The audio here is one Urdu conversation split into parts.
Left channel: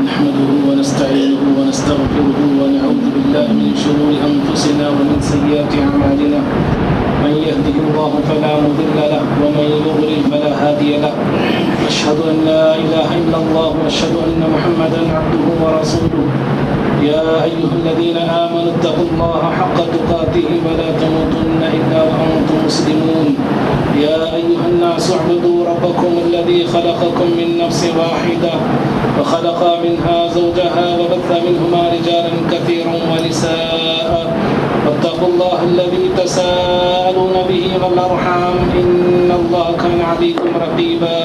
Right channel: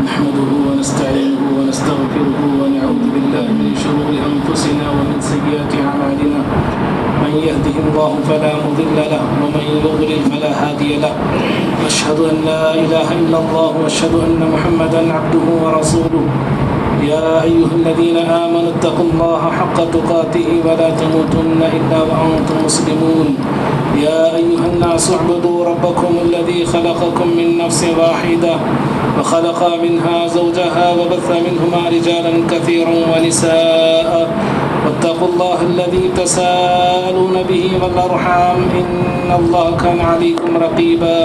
نحمده ونستعينه ونستغفره ونعوذ بالله من شرور أنفسنا ومن سيئات أعمالنا من يهده الله فلا مضل له ومن يضلل فلا هادي له أشهد أن لا إله إلا الله وأشهد أن محمدا عبده ورسوله يا أيها الذين آمنوا اتقوا الله حق تقاته ولا تموتن إلا وأنتم مسلمون يا أيها الناس اعبدوا ربكم الذي خلقكم من نفس واحدة وخلق منها زوجها وبث منهما رجالا كثيرا ونساء واتقوا الله الذي تساءلون به والأرحام إن الله كان عليكم رقيبا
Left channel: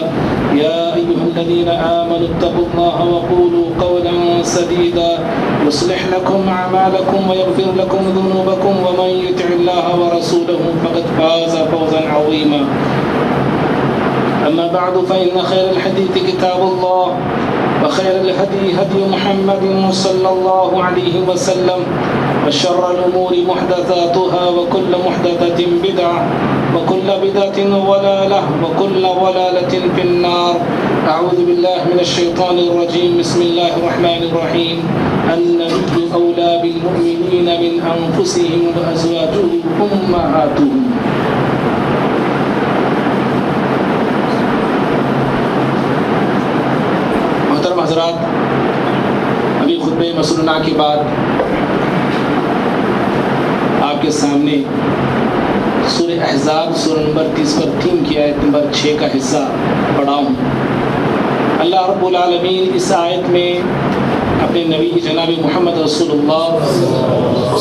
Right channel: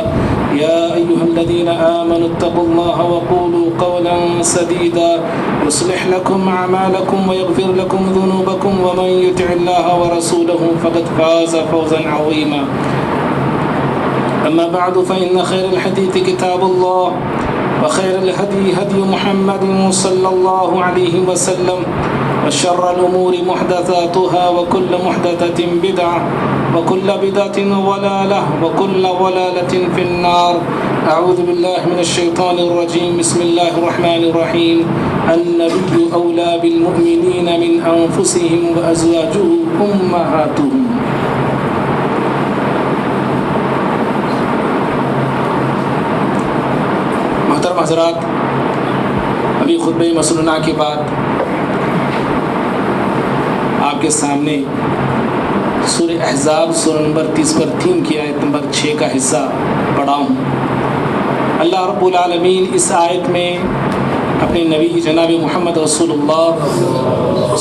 يا أيها الذين آمنوا اتقوا الله وقولوا قولا سديدا يصلح لكم أعمالكم ويغفر لكم ذنوبكم ومن يطع الله ورسوله فقد فاز فوزا عظيما أما بعد فإن خير الحديث كتاب الله وخير الهدي هدي محمد صلى الله عليه وسلم وشر الأمور محدثاتها وكل محدثة بدعة وكل بدعة ضلالة وكل ضلالة في النار أعوذ بالله من الشيطان الرجيم بسم الله الرحمن الرحيم النبي أولى بالمؤمنين من أنفسهم وأزواجه أمهاتهم محترم حضرات، ابھی خطبہ مسنونہ کے بعد آپ کے سامنے سورہ احزاب سورہ نمبر 30 پر 3 کی آیت نمبر 6 کا حصہ پڑھا ہوں۔ اللہ رب العالمین اس آیت میں اپنے نبی جناب محمد رسول اللہ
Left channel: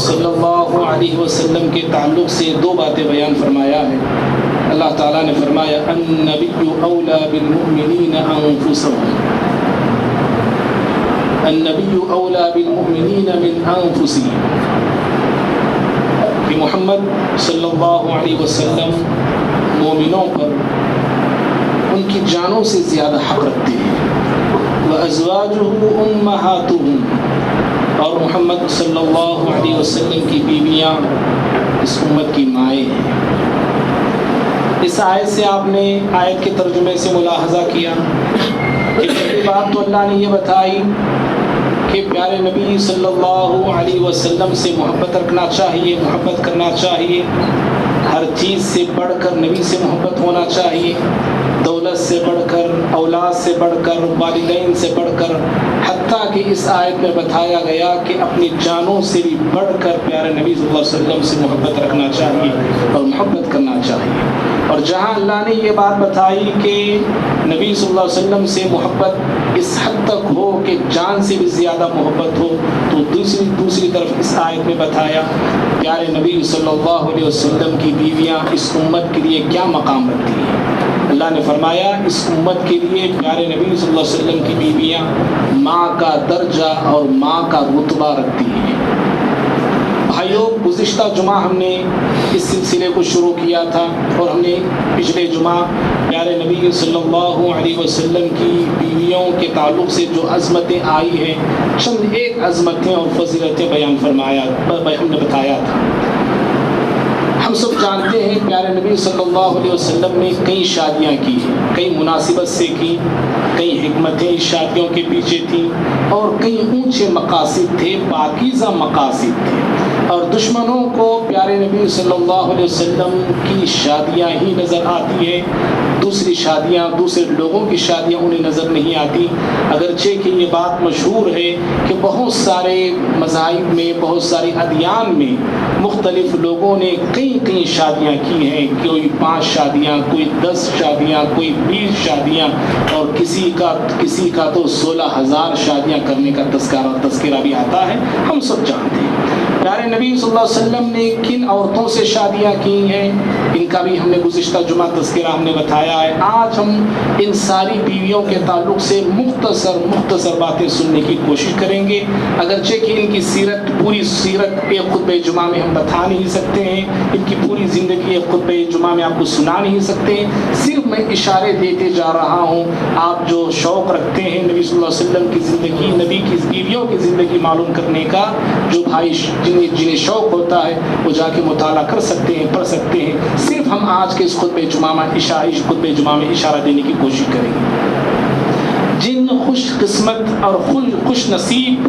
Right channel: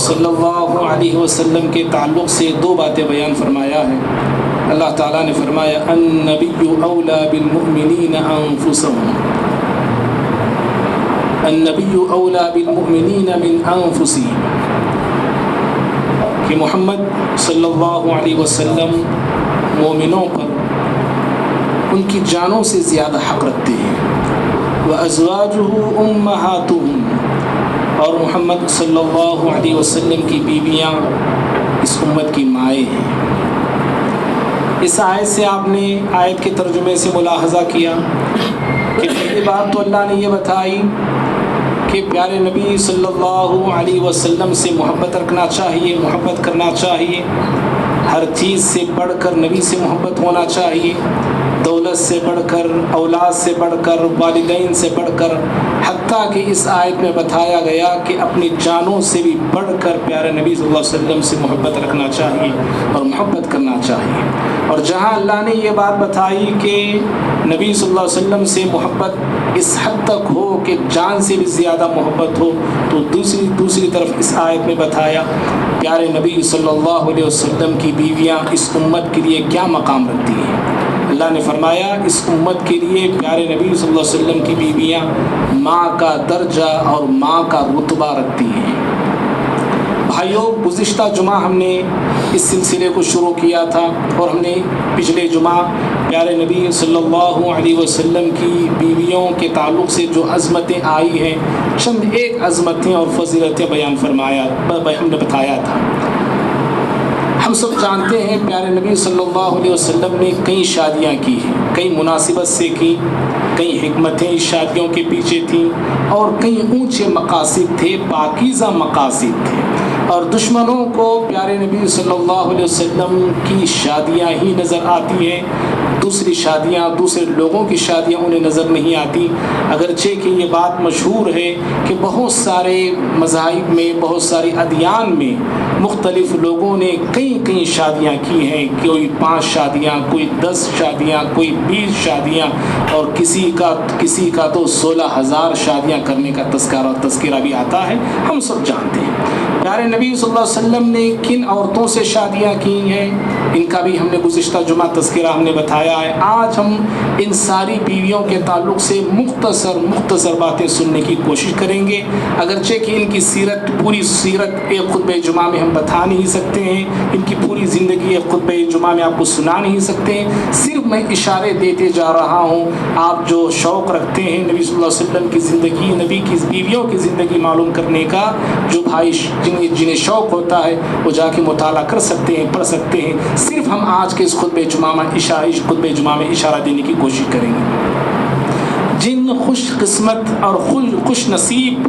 صلی اللہ علیہ وسلم کے تعلق سے 2 باتیں بیان فرمایا ہے۔ اللہ تعالیٰ نے فرمایا النبی اولا بالمؤمنین انفسهم، النبی اولا بالمؤمنین من انفسهم، کہ محمد صلی اللہ علیہ وسلم مومنوں پر ان کی جانوں سے زیادہ حق رکھتے ہیں۔ وَأَزْوَاجُهُ أُمَّهَاتُهُمْ، اور محمد صلی اللہ علیہ وسلم کی بیویاں اس امت کی مائیں ہیں۔ اس آیت سے آپ نے آیت کے ترجمے سے ملاحظہ کیا کہ پہلی بات تو اللہ نے یہ بتائی کہ پیارے نبی صلی اللہ علیہ وسلم سے محبت رکھنا چاہیے، محبت کرنا چاہیے، ہر چیز سے بڑھ کر نبی سے محبت ہونا چاہیے، دولت سے بڑھ کر، اولاد سے بڑھ کر، والدین سے بڑھ کر، حتیٰ کہ اس آیت میں بتایا گیا کہ اپنی جانوں سے بھی بڑھ کر پیارے نبی صلی اللہ علیہ وسلم سے محبت رکھنا چاہیے اور محبت کرنا چاہیے۔ اور جہاں اللہ نے یہ بات بتائی کہ نبی صلی اللہ علیہ وسلم سے محبت اس حد تک ہو کہ جان سے بھی زیادہ محبت ہو، تو دوسری طرف اس آیت میں بتایا پیارے نبی صلی اللہ علیہ وسلم کی بیویاں اس امت کے لیے کیا مقام رکھتی ہیں۔ اللہ نے فرمایا اس امت کے لیے پیارے نبی صلی اللہ علیہ وسلم کی بیویاں ماں کا درجہ اور ماں کا رتبہ رکھتی ہیں۔ بھائیوں، گزشتہ جمعہ ہم نے اس سلسلے کو شروع کیا تھا اور ہم نے پچھلے جمعہ پیارے نبی صلی اللہ علیہ وسلم کی بیویوں کے تعلق سے جو عظمتیں آئی ہیں، چند ایک عظمتیں اور فضیلتیں بیان فرمایا، ہم نے بتایا تھا۔ ہم سب جانتے ہیں پیارے نبی صلی اللہ علیہ وسلم نے کئی شادیاں کی ہیں، کئی مناسبت سے کی، کئی حکمتیں اس شادیوں کے پیچھے تھیں اور کئی اونچے مقاصد تھے، پاکیزہ مقاصد تھے، اور دشمنوں کو پیارے نبی صلی اللہ علیہ وسلم کی شادیاں ہی نظر آتی ہیں، دوسری شادیاں، دوسرے لوگوں کی شادیاں انہیں نظر نہیں آتی، اگرچہ کہ یہ بات مشہور ہے کہ بہت سارے مذاہب میں، بہت سارے ادیان میں مختلف لوگوں نے کئی شادیاں کی ہیں، کوئی 5 شادیاں، کوئی 10 شادیاں، کوئی 20 شادیاں، اور کسی کا تو 16,000 شادیاں کرنے کا تذکرہ بھی آتا ہے، ہم سب جانتے ہیں۔ پیارے نبی صلی اللہ علیہ وسلم نے کن عورتوں سے شادیاں کی ہیں، ان کا بھی ہم نے گزشتہ جمعہ تذکرہ ہم نے بتایا ہے۔ آج ہم ان ساری بیویوں کے تعلق سے مختصر باتیں سننے کی کوشش کریں گے، اگرچہ کہ ان کی پوری سیرت ایک خطبہ جمعہ میں ہم بتا نہیں سکتے ہیں، ان کی پوری زندگی ایک خطبہ جمعہ میں آپ کو سنا نہیں سکتے ہیں، صرف میں اشارے دیتے جا رہا ہوں۔ آپ جو شوق رکھتے ہیں نبی صلی اللہ علیہ وسلم کی زندگی، نبی کی بیویوں کی زندگی معلوم کرنے کا، جو بھائی جنہیں شوق ہوتا ہے وہ جا کے مطالعہ کر سکتے ہیں، پڑھ سکتے ہیں۔ صرف ہم آج کے اس خطبہ جمعہ میں اشارہ دینے کی کوشش کریں گے۔ جن خوش قسمت اور خوش نصیب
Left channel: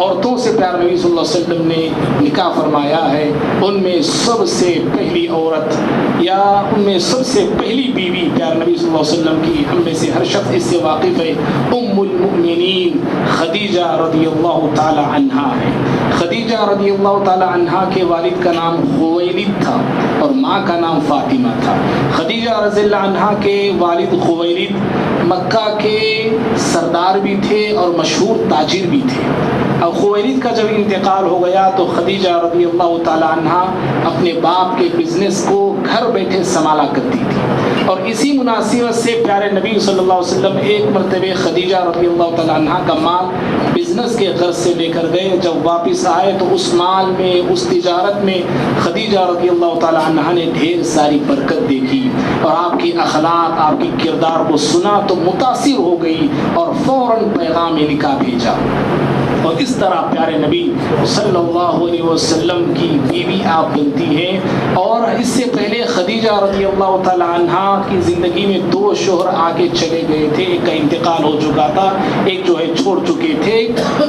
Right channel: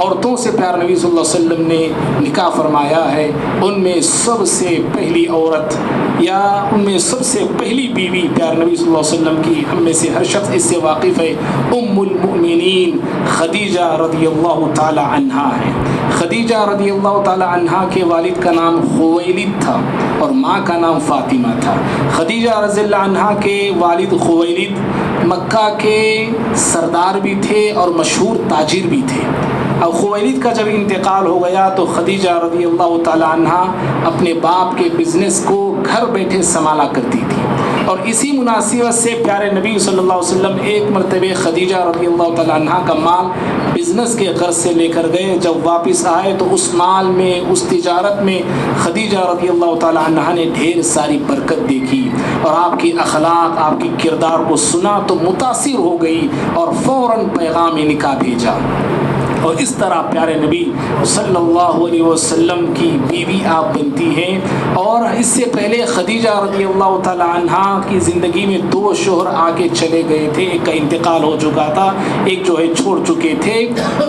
عورتوں سے پیارے نبی صلی اللہ علیہ وسلم نے نکاح فرمایا ہے، ان میں سب سے پہلی عورت یا ان میں سب سے پہلی بیوی پیارے نبی صلی اللہ علیہ وسلم کی، ہم میں سے ہر شخص اس سے واقف ہے، ام المؤمنین خدیجہ رضی اللہ تعالی عنہا ہے۔ خدیجہ رضی اللہ تعالی عنہا کے والد کا نام خویلد تھا اور ماں کا نام فاطمہ تھا۔ خدیجہ رضی اللہ عنہا کے والد خویلد مکہ کے سردار بھی تھے اور مشہور تاجر بھی تھے۔ اب خویلد کا جب انتقال ہو گیا تو خدیجہ رضی اللہ تعالی عنہا اپنے باپ کے بزنس کو گھر بیٹھے سنبھالا کرتی تھی، اور اسی مناسبت سے پیارے نبی صلی اللہ علیہ وسلم ایک مرتبہ خدیجہ رضی اللہ تعالی عنہا کا مال بزنس کے غرض سے لے کر گئے۔ جب واپس آئے تو اس مال میں، اس تجارت میں خدیجہ رضی اللہ تعالی عنہا نے ڈھیر ساری برکت دیکھی، اور آپ کی اخلاق، آپ کی کردار کو سنا تو متاثر ہو گئی اور فوراً پیغام نکاح بھیجا، اور اس طرح پیارے نبی صلی اللہ علیہ وسلم کی بیوی آپ بنتی ہیں۔ اور اس سے پہلے خدیجہ رضی اللہ تعالی عنہا کی زندگی میں دو شوہر آگے چلے گئے تھے، ایک کا انتقال ہو چکا تھا، ایک جو ہے چھوڑ چکے تھے۔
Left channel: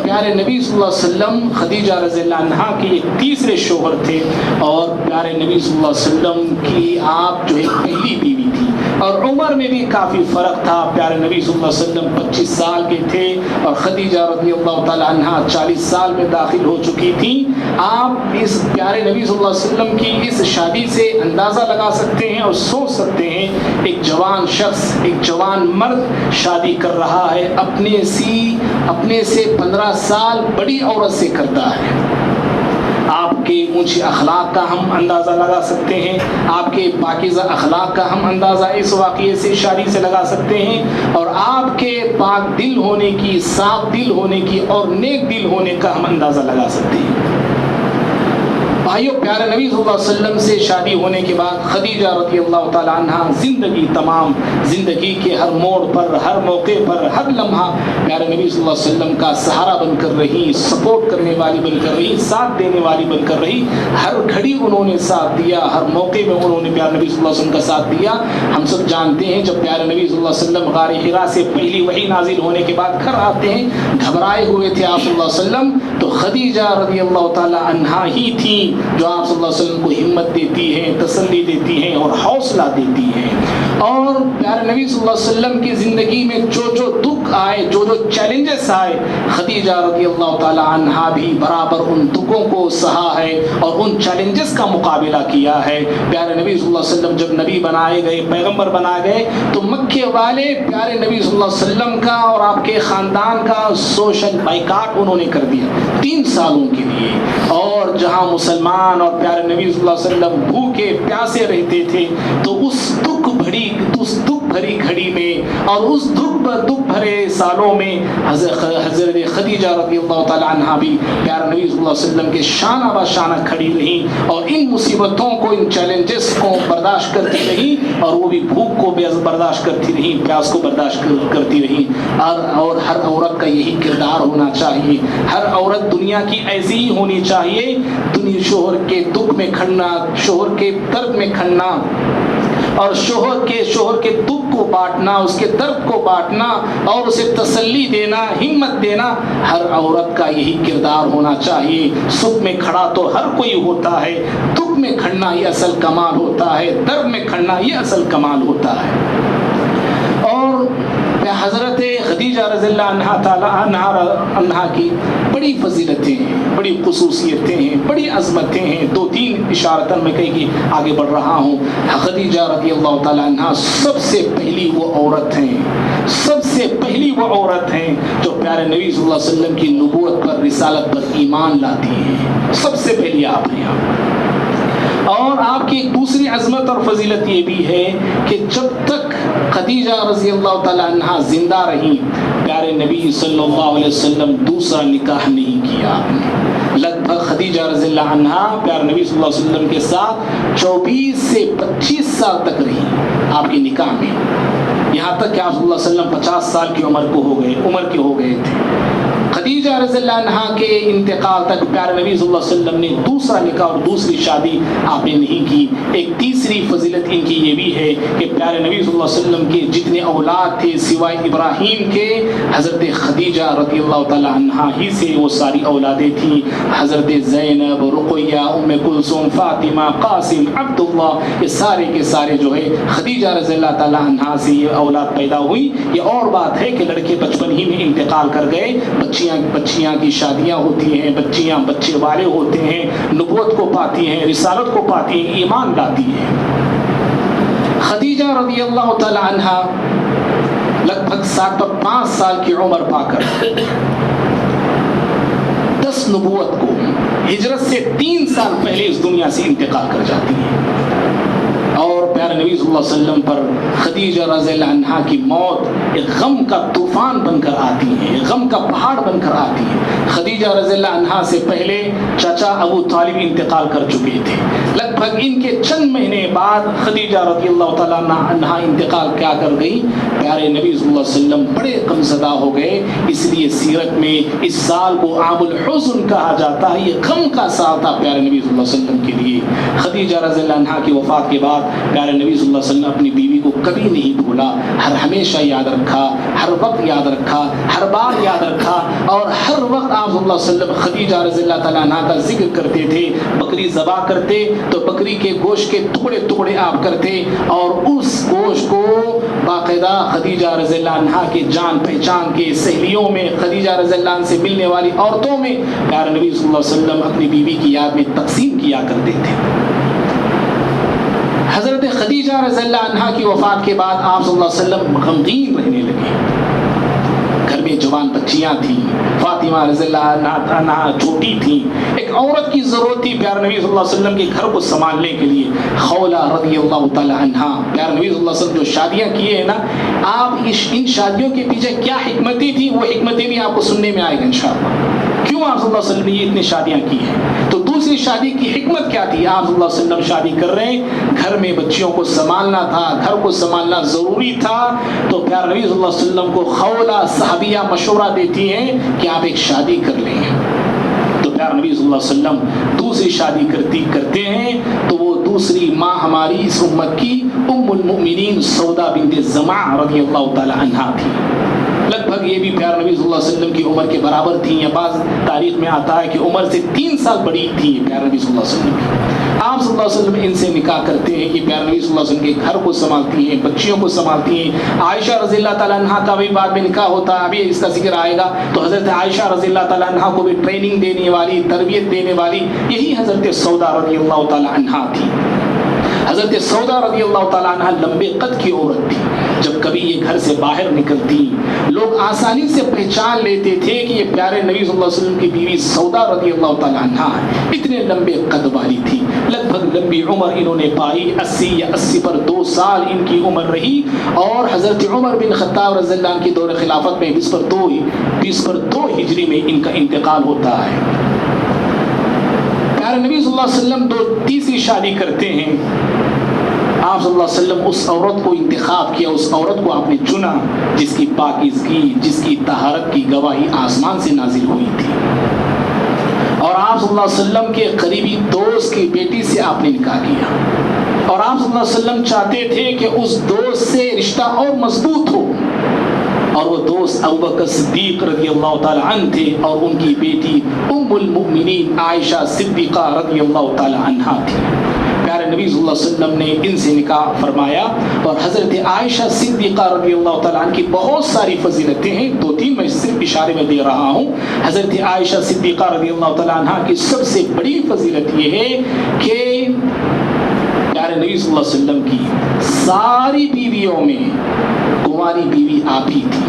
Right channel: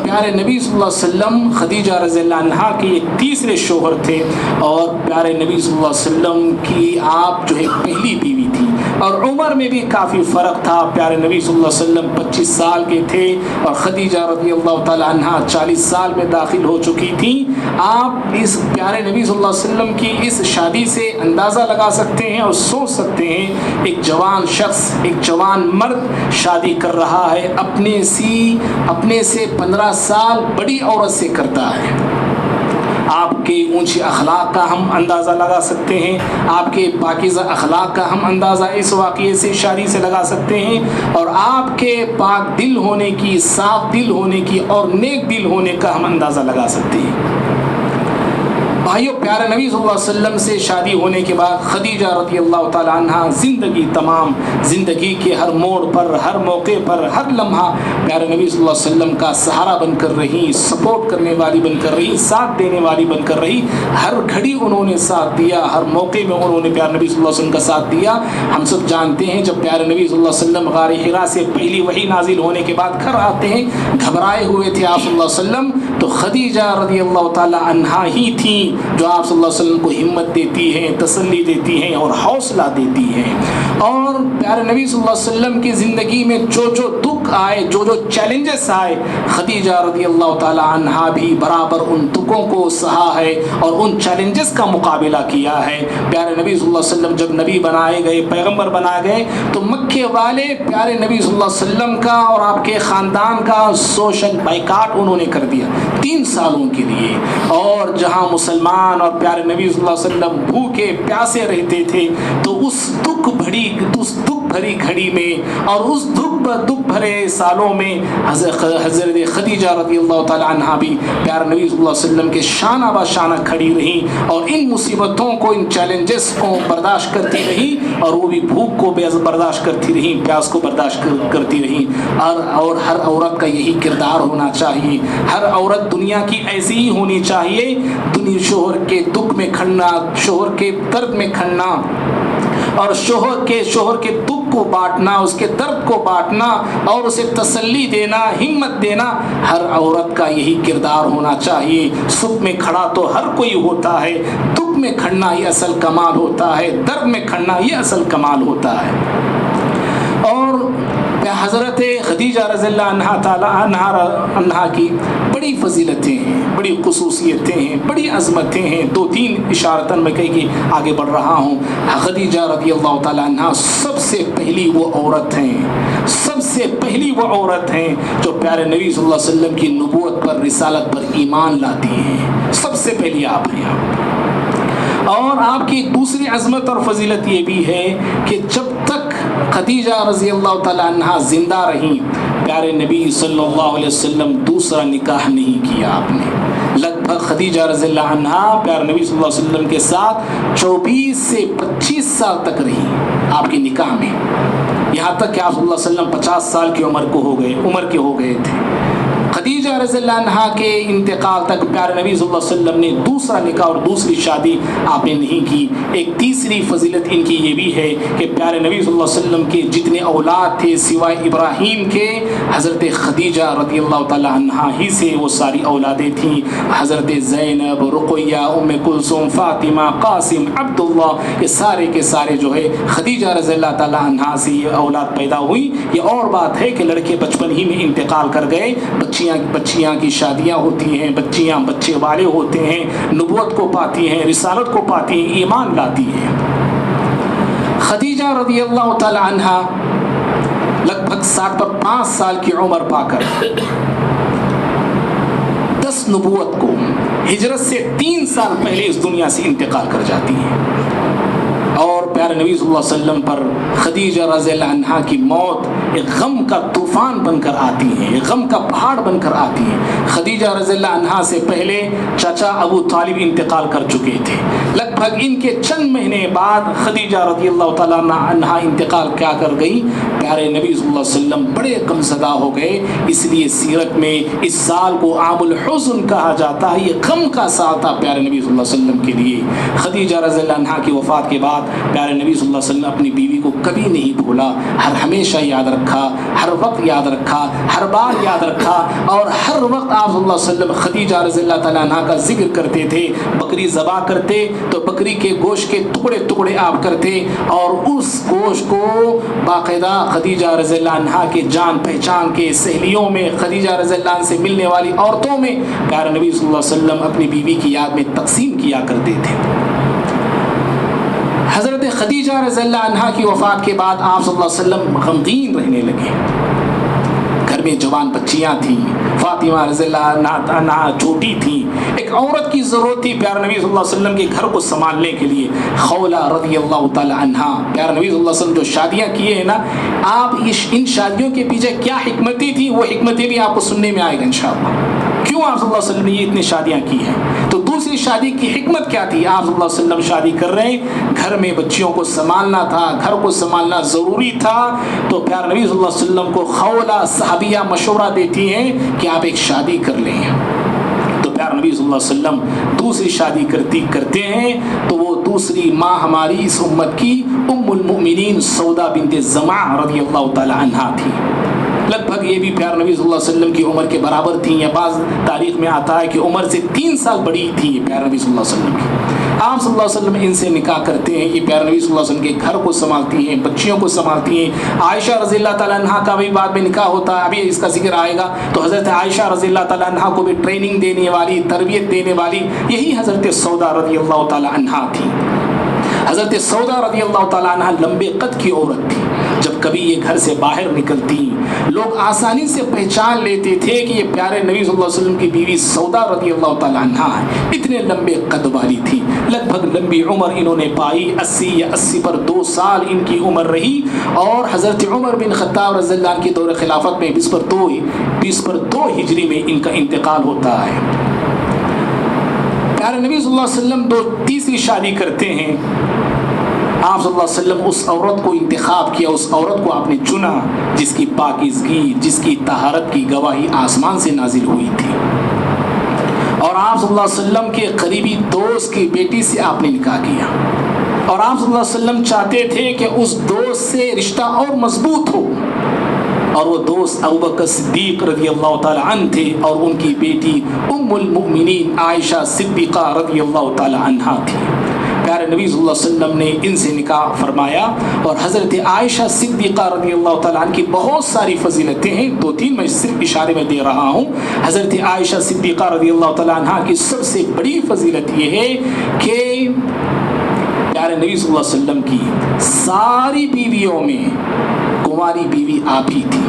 پیارے نبی صلی اللہ علیہ وسلم خدیجہ رضی اللہ عنہا کے ایک تیسرے شوہر تھے، اور پیارے نبی صلی اللہ علیہ وسلم کی آپ جو ہے پہلی بیوی تھی، اور عمر میں بھی کافی فرق تھا۔ پیارے نبی صلی اللہ علیہ وسلم 25 سال کے تھے اور خدیجہ رضی اللہ تعالی عنہا 40 سال میں داخل ہو چکی تھی۔ آپ اس پیارے نبی صلی اللہ علیہ وسلم کی اس شادی سے اندازہ لگا سکتے ہیں اور سوچ سکتے ہیں، ایک جوان شخص، ایک جوان مرد شادی کر رہا ہے، اپنے سے 15 سال بڑی عورت سے کرتا ہے۔ آپ کے اونچے اخلاق کا ہم اندازہ لگا سکتے ہیں، آپ کے پاکیزہ اخلاق کا ہم اندازہ اس واقعے سے، شادی سے لگا سکتے ہیں، اور آپ کے پاک دل ہونے کی، صاف دل ہونے کی اور نیک دل ہونے کا ہم اندازہ لگا سکتے ہیں۔ بھائیو، پیارے نبی صلی اللہ علیہ وسلم سے شادی ہونے کے بعد خدیجہ رضی اللہ تعالی عنہا زندگی کے ہر موڑ پر، ہر موقع پر، ہر لمحہ پیارے نبی صلی اللہ علیہ وسلم کا سہارا بن کر رہی، سپورٹ کرنے والی بن کر رہی، ساتھ دینے والی بن کر رہی۔ ہر گھڑی انہوں نے ساتھ دیا، ہر موقع میں انہوں نے پیارے نبی صلی اللہ علیہ وسلم کا ساتھ دیا۔ ہم سب جانتے ہیں جب پیارے نبی صلی اللہ علیہ وسلم غار حرا سے پہلی وحی نازل ہونے کے بعد گھر آتے ہیں، گھبرائے ہوئے تھے آپ صلی اللہ علیہ وسلم، تو خدیجہ رضی اللہ تعالی عنہا ہی تھی جو آپ صلی اللہ علیہ وسلم کو ہمت دیتی ہیں، تسلی دیتی ہیں اور حوصلہ دیتی ہیں۔ اور پیارے نبی صلی اللہ علیہ وسلم کی زندگی میں جو دکھ آئے، جو چیلنجز آئے، خدیجہ رضی اللہ تعالی عنہا بھی برابر ان دکھوں کو سہا ہے اور ان چیلنجز کا مقابلہ کیا ہے۔ پیارے نبی صلی اللہ علیہ وسلم جب نبی بنائے گئے، پیغمبر بنائے گئے، تو مکے والے پیارے نبی صلی اللہ علیہ وسلم کا اور آپ کے خاندان کا سوشل بائیکاٹ انہوں نے کر دیا 3 سالوں کے لیے۔ اور جہاں مسلمان اور پیارے نبی صلی اللہ علیہ وسلم بھوکے پیاسے رہتے تھے، تو اس دکھ بھری گھڑی میں اور اس دکھ بھرے سالوں میں حضرت خدیجہ رضی اللہ تعالی عنہا بھی پیارے نبی صلی اللہ علیہ وسلم کے شانہ بہ شانہ کھڑی رہی، اور ان مصیبتوں کو، ان چیلنجز کو برداشت کرتی رہی، اور وہ بھی بھوک کو برداشت کرتی رہی، پیاس کو برداشت کرتی رہی۔ اور ہر عورت کا یہی کردار ہونا چاہیے، ہر عورت دنیا کی ایسی ہی ہونی چاہیے، شوہر کے دکھ میں کھڑنا، شوہر کے درد میں کھڑنا، اور شوہر کے دکھ کو بانٹنا، اس کے درد کو بانٹنا اور اسے تسلی دینا، ہمت دینا، ہر عورت کا یہی کردار ہونا چاہیے۔ سکھ میں کھڑا تو ہر کوئی ہوتا ہے، دکھ میں کھڑنا یہ اصل کمال ہوتا ہے، درد میں کھڑنا یہ اصل کمال ہوتا ہے۔ اور حضرت خدیجہ رضی اللہ عنہا کی بڑی فضیلتیں ہیں، بڑی خصوصیتیں ہیں، بڑی عظمتیں ہیں۔ 2-3 اشارتاً میں کہیں کہ آگے بڑھ رہا ہوں۔ خدیجہ رضی اللہ تعالیٰ عنہا سب سے پہلی وہ عورت ہیں جو پیارے نبی صلی اللہ علیہ وسلم کی نبوت پر، رسالت پر ایمان لاتی ہیں، سب سے پہلی آپ ہیں۔ اور آپ کی ایک دوسری عظمت اور فضیلت یہ بھی ہے کہ جب تک خدیجہ رضی اللہ تعالیٰ عنہا زندہ رہی، پیارے نبی صلی اللہ علیہ وسلم دوسرا نکاح نہیں کیا آپ نے۔ لگ بھگ خدیجہ رضی اللہ عنہا پیارے نبی صلی اللہ علیہ وسلم کے ساتھ 24 سے 25 سال تک رہی آپ کی نکاح میں، یہاں تک کہ آپ صلی اللہ علیہ وسلم 50 سال کی عمر کے ہو گئے تھے۔ خدیجہ رضی رضی اللہ عنہا کے انتقال تک پیارے نبی صلی اللہ علیہ وسلم نے دوسرا نکاح اور دوسری شادی آپ نے نہیں کی. ایک تیسری فضیلت ان کی یہ بھی ہے کہ پیارے نبی صلی اللہ علیہ وسلم کے جتنے اولاد تھے سوائے ابراہیم کے حضرت خدیجہ رضی اللہ تعالی عنہا ہی سے وہ ساری اولادیں تھیں. حضرت زینب، رقیہ، ام کلثوم، فاطمہ، قاسم، عبداللہ، یہ سارے کے سارے جو ہے خدیجہ رضی اللہ تعالی عنہا سے یہ اولاد پیدا ہوئی. یہ اور بات ہے کہ لڑکے بچپن ہی میں انتقال کر گئے، بچیاں کی شادیاں ہوتی ہیں، بچیاں بچے والے ہوتے ہیں، نبوت کو پاتی ہیں، رسالت کو پاتی ہیں، ایمان لاتی ہیں. خدیجہ رضی اللہ تعالی عنہا لگ بھگ 5 سال کی عمر پا کر 10 نبوت کو ہجرت سے 3 سال پہلے اس دنیا سے انتقال کر جاتی ہیں. اور پیارے نبی صلی اللہ علیہ وسلم پر خدیجہ رضی اللہ عنہا کی موت ایک غم کا طوفان بن کر آتی ہے، ایک غم کا پہاڑ بن کر آتی ہے. خدیجہ رضی اللہ عنہا سے پہلے چچا ابو طالب انتقال کر چکے تھے. لگ بھگ ان کے چند مہینے بعد خدیجہ رضی اللہ تعالیٰ عنہا انتقال کیا کر گئی. پیارے نبی صلی اللہ علیہ وسلم بڑے غم زدہ ہو گئے. اس لیے سیرت میں اس سال کو عام الحزن کہا جاتا ہے. یہ غم کا سال تھا پیارے نبی صلی اللہ علیہ وسلم کے لیے. خدیجہ رضی اللہ عنہا کی وفات کے بعد پیارے نبی صلی اللہ علیہ وسلم اپنی بیوی کو کبھی نہیں بھولا، ہمیشہ یاد رکھا، ہر وقت یاد رکھا، ہر بار یاد رکھا. اور ہر وقت آپ صلی اللہ علیہ وسلم خدیجہ رضی اللہ تعالیٰ عنہا کا ذکر کرتے تھے. بکری ذبح کرتے تو بکری کے گوشت کے ٹکڑے آپ کرتے اور اس گوشت کو باقاعدہ خدیجہ رضی اللہ عنہا کے جان پہچان کے سہیلیوں میں، خدیجہ رضی اللہ عنہ سے ملنے والی عورتوں میں پیارے نبی صلی اللہ علیہ وسلم اپنی بیوی کی یاد میں تقسیم کیا کرتے تھے. حضرت خدیجہ رضی اللہ عنہا کی وفات کے بعد آپ صلی اللہ علیہ وسلم غمگین رہنے لگے. گھر میں جوان بچیاں تھیں، فاطمہ رضی اللہ عنہا چھوٹی تھیں. ایک عورت کی ضرورت تھی پیارے نبی صلی اللہ علیہ وسلم کے گھر کو سنبھالنے کے لیے. خولہ رضی اللہ تعالی عنہا، پیارے نبی صلی اللہ علیہ وسلم جو شادیاں کیے ہیں نا، آپ ان شادیوں کے پیچھے کیا حکمتیں تھیں وہ حکمتیں بھی آپ کو سننے میں آئے گا انشاءاللہ. کیوں آپ صلی اللہ علیہ وسلم نے یہ اتنی شادیاں کی ہیں؟ تو دوسری شادی کی حکمت کیا تھی؟ آپ صلی اللہ علیہ وسلم شادی کر رہے ہیں، گھر میں بچیوں کو سنبھالنا تھا، گھر کو سنبھالنا ضروری تھا. تو پیارے نبی صلی اللہ علیہ وسلم کو خولہ صحابیہ مشورہ دیتی ہیں کہ آپ ایک شادی کر لیں. تو پیارے نبی صلی اللہ علیہ وسلم دوسری شادی کرتے ہیں. تو وہ دوسری ماں ہماری اس امت کی ام المؤمنین سودا بنت زمعہ رضی اللہ تعالی عنہا تھی. لگ بھگ یہ بھی پیارے نبی صلی اللہ علیہ وسلم کی عمر کے برابر تھیں، یا بعض تاریخ میں آتا ہے کہ عمر سے 3 سال بڑی تھی پیارے نبی صلی اللہ علیہ وسلم کی. آپ صلی اللہ علیہ وسلم ان سے نکاح کرتے ہیں. یہ پیارے نبی صلی اللہ علیہ وسلم کے گھر کو سنبھالتی ہیں، بچیوں کو سنبھالتی ہیں. عائشہ رضی اللہ تعالیٰ عنہا کا بھی بعد میں نکاح ہوتا ہے، ابھی اس کا ذکر آئے گا. تو حضرت عائشہ رضی اللہ تعالیٰ عنہا کو بھی ٹریننگ دینے والی، تربیت دینے والی یہی حضرت سودا رضی اللہ تعالیٰ عنہا تھی. حضرت سودا رضی اللہ تعالیٰ عنہ لمبے قد کی عورت تھی. جب کبھی یہ گھر سے باہر نکلتی لوگ آسانی سے پہچان لیتے تھے کہ یہ پیارے نبی صلی اللہ علیہ وسلم کی بیوی سودا رضی اللہ تعالیٰ عنہ ہے. اتنے لمبے قد والی تھی. لگ بھگ لمبی عمر انہوں نے پائی، 80 پر 2 سال ان کی عمر رہی. اور حضرت عمر بن خطاب رضی اللہ عنہ کی دور خلافت میں 20 پر 2 ہجری میں ان کا انتقال ہوتا ہے. پیارے نبی صلی اللہ علیہ وسلم تیسری شادی کرتے ہیں. آپ صلی اللہ علیہ وسلم اس عورت کو انتخاب کیا، اس عورت کو آپ نے چنا جس کی پاکیزگی، جس کی طہارت کی گواہی آسمان سے نازل ہوئی تھی. اور آپ صلی اللہ علیہ وسلم کے قریبی دوست کی بیٹی سے آپ نے نکاح کیا. اور آپ صلی اللہ علیہ وسلم چاہتے تھے کہ اس دوست سے رشتہ اور مضبوط ہو. اور وہ دوست ابوبکر صدیق رضی اللہ تعالی عنہ تھے اور ان کی بیٹی ام المؤمنین عائشہ صدیقہ رضی اللہ تعالی عنہا تھی. پیارے نبی صلی اللہ علیہ وسلم نے ان سے نکاح فرمایا. اور حضرت عائشہ صدیقہ رضی اللہ تعالیٰ عنہ کی بہت ساری فضیلتیں ہیں، 2-3 میں صرف اشارے میں دے رہا ہوں. حضرت عائشہ صدیقہ رضی اللہ تعالیٰ عنہ کی سب سے بڑی فضیلت یہ ہے کہ پیارے نبی صلی اللہ علیہ وسلم کی ساری بیویوں میں کنواری بیوی آپ ہی تھی.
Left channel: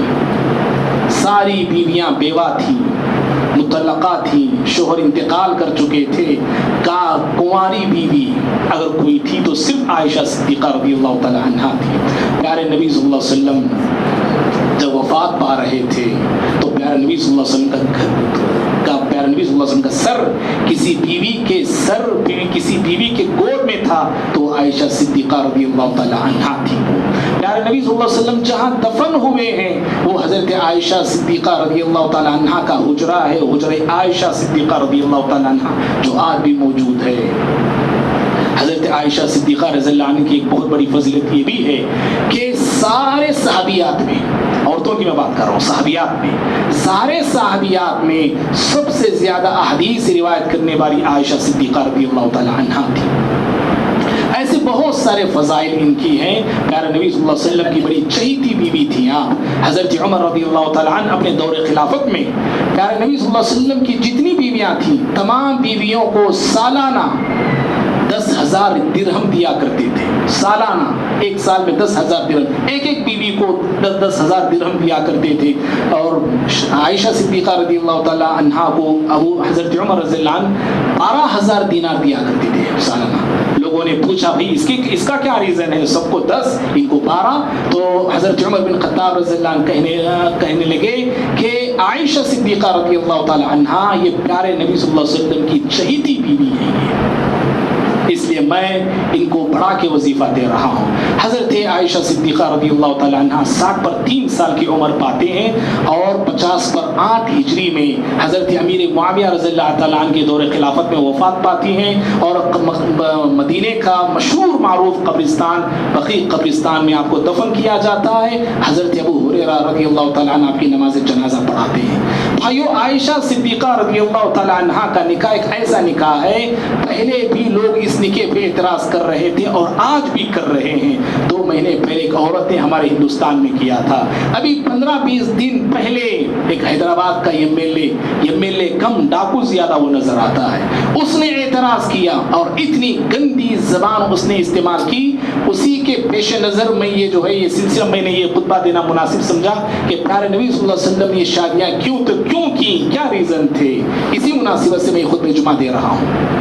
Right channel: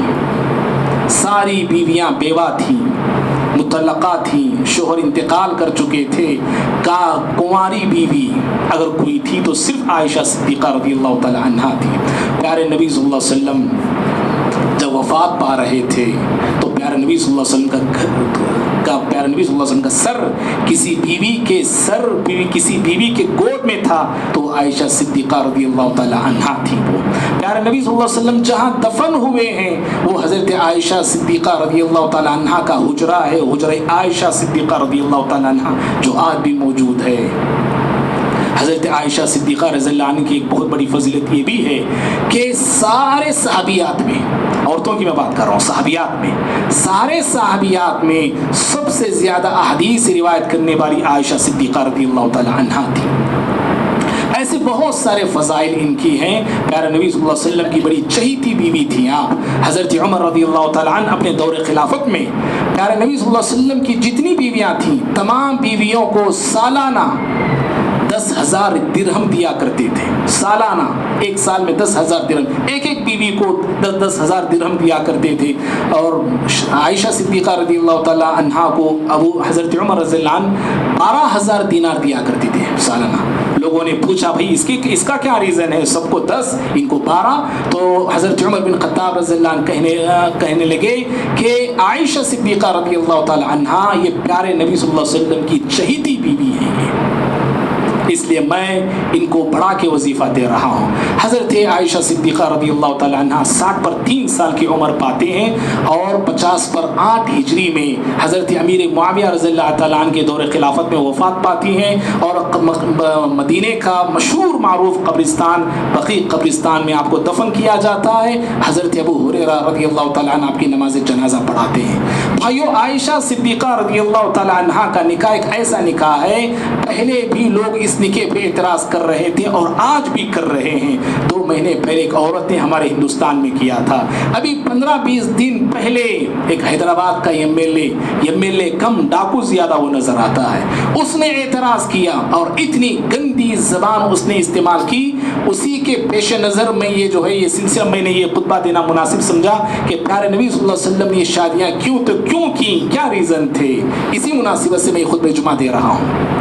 ساری بیویاں بیوہ تھیں، مطلقہ تھیں، شوہر انتقال کر چکے تھے. کنواری بیوی اگر کوئی تھی تو صرف عائشہ صدیقہ رضی اللہ تعالی عنہا تھی. پیارے نبی صلی اللہ علیہ وسلم جب وفات پا رہے تھے تو پیارے نبی صلی اللہ علیہ وسلم کا سر کسی بیوی کے گود میں تھا تو عائشہ صدیقہ رضی اللہ تعالی عنہا تھی. پیارے نبی صلی اللہ علیہ وسلم جہاں دفن ہوئے ہیں وہ حضرت عائشہ صدیقہ رضی اللہ تعالیٰ عنہ کا حجرہ ہے، حجرہ عائشہ صدیقہ رضی اللہ تعالیٰ عنہ، جو آج بھی موجود ہے۔ حضرت عائشہ صدیقہ رضی اللہ عنہ کی ایک بہت بڑی فضیلت یہ بھی ہے کہ سارے صحابیات میں، عورتوں کی میں بات کر رہا ہوں، صحابیات میں، سارے صحابیات میں سب سے زیادہ احادیث روایت کرنے والی عائشہ صدیقہ رضی اللہ تعالیٰ عنہ تھی۔ ایسے بہت سارے فضائل ان کی ہیں۔ پیارے نبی صلی اللہ علیہ وسلم کی بڑی چہیتی بیوی تھی آپ۔ حضرت عمر رضی اللہ تعالیٰ عنہ اپنے دور خلافت میں پیارے نبی صلی اللہ علیہ وسلم کی جتنی بیویاں تھیں تمام بیویوں کو سالانہ 10,000 درہم دیا کرتے تھے۔ سالانہ، ایک سال میں 10,000 درہم، ایک ایک بیوی کو 10,000 درہم دیا کرتے تھے۔ اور عائشہ صدیقہ رضی اللہ تعالیٰ عنہ کو حضرت عمر رضی اللہ عنہ 12,000 دینار دیا کرتے تھے سالانہ۔ لوگوں نے پوچھا بھائی اس کا کیا ریزن ہے، سب کو 10 ان کو 12؟ تو حضرت عمر بن خطاب رضی اللہ عنہ کہنے لگے کہ عائشہ صدیقہ رضی اللہ تعالیٰ عنہ یہ پیارے نبی صلی اللہ علیہ وسلم کی چہیتی بیوی ہیں، اس لیے میں ان کو بڑھا کے وظیفہ دے رہا ہوں۔ حضرت عائشہ صدیقہ رضی اللہ تعالیٰ عنہ 60 پر 3 سال کی عمر پاتے ہیں اور 50 پر 8 ہجری میں حضرت امیر معاویہ رضی اللہ تعالیٰ عنہ کے دور خلافت میں وفات پاتی ہیں، اور مدینے کا مشہور معروف قبرستان بقیع قبرستان میں آپ کو دفن کیا جاتا ہے۔ حضرت ابو ہریرہ رضی اللہ تعالیٰ عنہ آپ کی نماز جنازہ پڑھاتے ہیں۔ بھائیو، عائشہ صدیقہ رضی اللہ تعالیٰ عنہ کا نکاح ایک ایسا نکاح ہے، پہلے بھی لوگ اس نکاح پہ اعتراض کر رہے تھے اور آج بھی کر رہے ہیں۔ 2 مہینے پہلے ایک عورت نے ہمارے ہندوستان میں کیا تھا، ابھی 15-20 دن پہلے ایک حیدرآباد کا ایم ایل اے کم ڈاکو زیادہ وہ نظر آتا ہے، اس نے اعتراض کیا اور اتنی گندی زبان اس نے استعمال کی۔ اسی کے پیش نظر میں یہ سلسلہ میں نے یہ خطبہ دینا مناسب سمجھا کہ پیارے نبی صلی اللہ علیہ وسلم نے یہ شادیاں کیوں کی، کیا ریزن تھے، اسی مناسبت سے میں خطبہ جمعہ دے رہا ہوں۔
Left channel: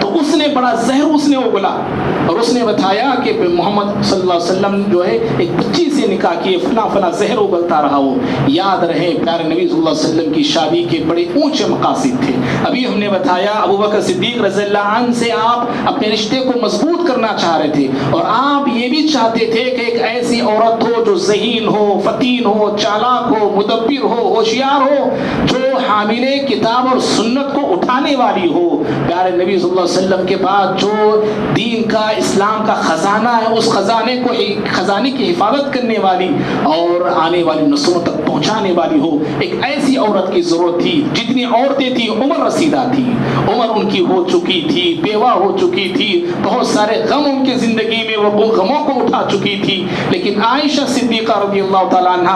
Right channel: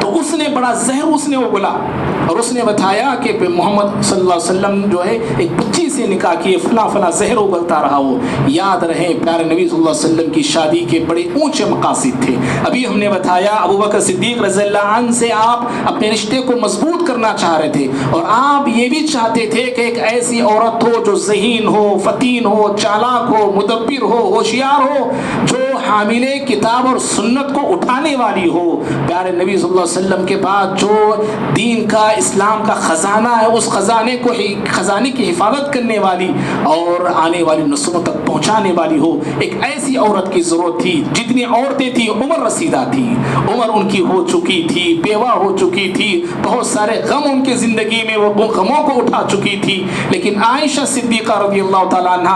تو اس نے بڑا زہر اس نے وہ بولا اور اس نے بتایا کہ محمد صلی اللہ علیہ وسلم جو ہے ایک بچی سے نکاح کیے، فنا زہر ابلتا رہا۔ وہ یاد رہے پیارے نبی صلی اللہ علیہ وسلم کی شادی کے بڑے اونچے مقاصد تھے۔ ابھی ہم نے بتایا ابو بکر صدیق رضی اللہ عنہ سے آپ اپنے رشتے کو مضبوط کرنا چاہ رہے تھے، اور آپ یہ بھی چاہتے تھے کہ ایک ایسی عورت ہو جو ذہین ہو، فتین ہو، چالاک ہو، مدبر ہو، ہوشیار ہو، جو حامل کتاب اور سنت کو اٹھانے والی ہو۔ پیارے نبی صلی اللہ علیہ وسلم کے بعد جو دین کا، اسلام کا خزانہ ہے، اس خزانے کی حفاظت کرنے والی اور آنے والی نسلوں تک پہنچانے والی ہو، ایک ایسی عورت کی ضرورت تھی۔ جتنی عورتیں تھیں عمر رسیدہ تھی، عمر ان کی ہو چکی تھی، بیوہ ہو چکی تھی، بہت سارے غم ان کی زندگی میں وہ غموں کو اٹھا چکی تھی، لیکن عائشہ صدیقہ رضی اللہ تعالیٰ عنہ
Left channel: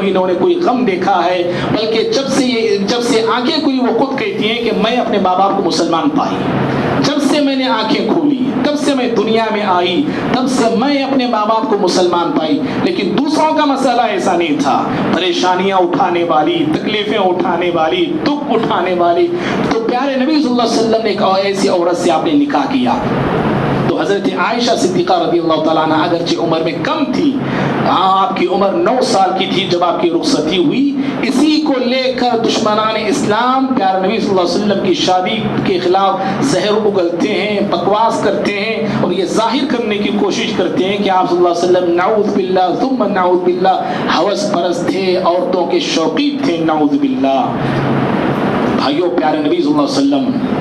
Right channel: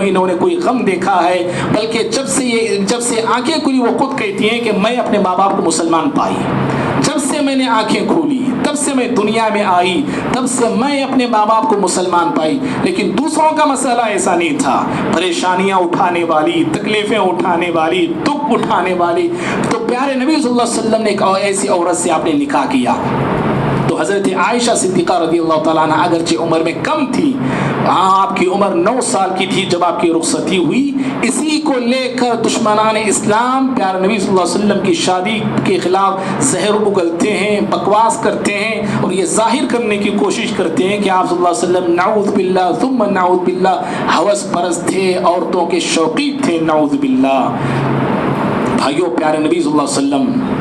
انہوں نے کوئی غم دیکھا ہے، بلکہ جب سے آنکھیں کھلی وہ خود کہتی ہیں کہ میں اپنے ماں باپ کو مسلمان پائی، جب سے میں نے آنکھیں کھولی، تب سے میں دنیا میں آئی، تب سے میں اپنے ماں باپ کو مسلمان پائی۔ لیکن دوسروں کا مسئلہ ایسا نہیں تھا، پریشانیاں اٹھانے والی، تکلیفیں اٹھانے والی، دکھ اٹھانے والی۔ تو پیارے نبی صلی اللہ علیہ وسلم نے ایک ایسی عورت سے آپ نے نکاح کیا۔ تو حضرت عائشہ صدیقہ رضی اللہ تعالیٰ عنہ اگرچہ عمر میں کم تھی، آپ کی عمر 9 سال کی تھی جب آپ کی رخصتی ہوئی، اسی کو لے کر دشمنان اسلام پیارے نبی صلی اللہ علیہ وسلم کی شادی کے خلاف زہر اگلتے ہیں، بکواس کرتے ہیں اور یہ ظاہر کرنے کی کوشش کرتے ہیں کہ آپ صلی اللہ علیہ وسلم نعوذ باللہ ثم نعوذ باللہ ہوس پرست تھے، عورتوں کے شوقی تھے، نعوذ باللہ۔ بھائیو، پیارے نبی صلی اللہ علیہ وسلم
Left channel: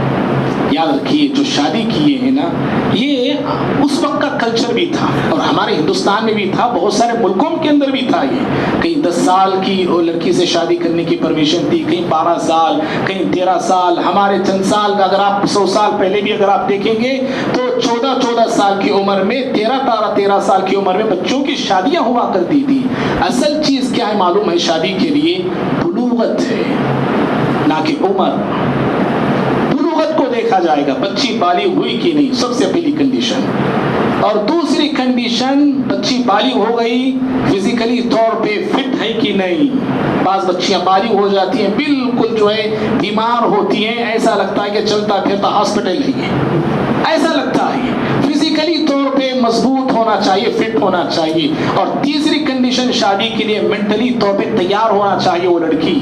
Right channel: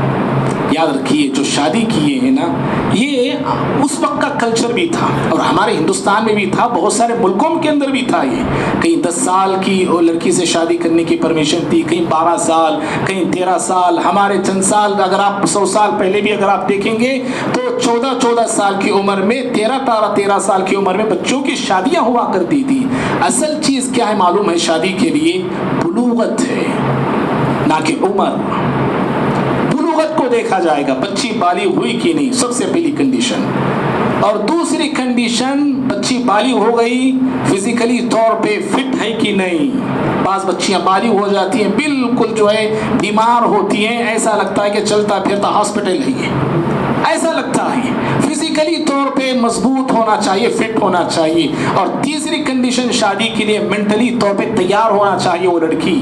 یاد رکھیے جو شادی کیے ہیں نا، یہ اس وقت کا کلچر بھی تھا اور ہمارے ہندوستان میں بھی تھا، بہت سارے ملکوں کے اندر بھی تھا۔ یہ کہیں 10 سال کی لڑکی سے شادی کرنے کی پرمیشن تھی، کہیں 12 سال، کہیں 13 سال، ہمارے چند سال اگر آپ 100 سال پہلے بھی اگر آپ دیکھیں گے تو 14 سال کی عمر میں، 13 سال کی عمر میں بچوں کی شادیاں ہوا کرتی تھی۔ اصل چیز کیا ہے معلوم ہے شادی کے لیے؟ بلوغت ہے، نہ کہ عمر۔ کو دیکھا جائے گا بچی بالغ ہوئی کہ نہیں، سب سے پہلی کنڈیشن، اور دوسری کنڈیشن بچی بالغ ہو گئی، فزیکلی طور پہ فٹ ہے کہ نہیں۔ بعض بچیاں بالغ ہو جاتی ہیں بالکل جو ہے بیمار ہوتی ہیں، ایسا لگتا ہے کہ چلتا پھرتا ہاسپٹل ہی ہے، ایسا لگتا ہے۔ فزیکلی طور پہ مضبوط ہونا چاہیے، فٹ ہونا چاہیے۔ اور تیسری کنڈیشن شادی کے لیے مینٹلی طور پہ تیار ہونا چاہیے وہ لڑکی۔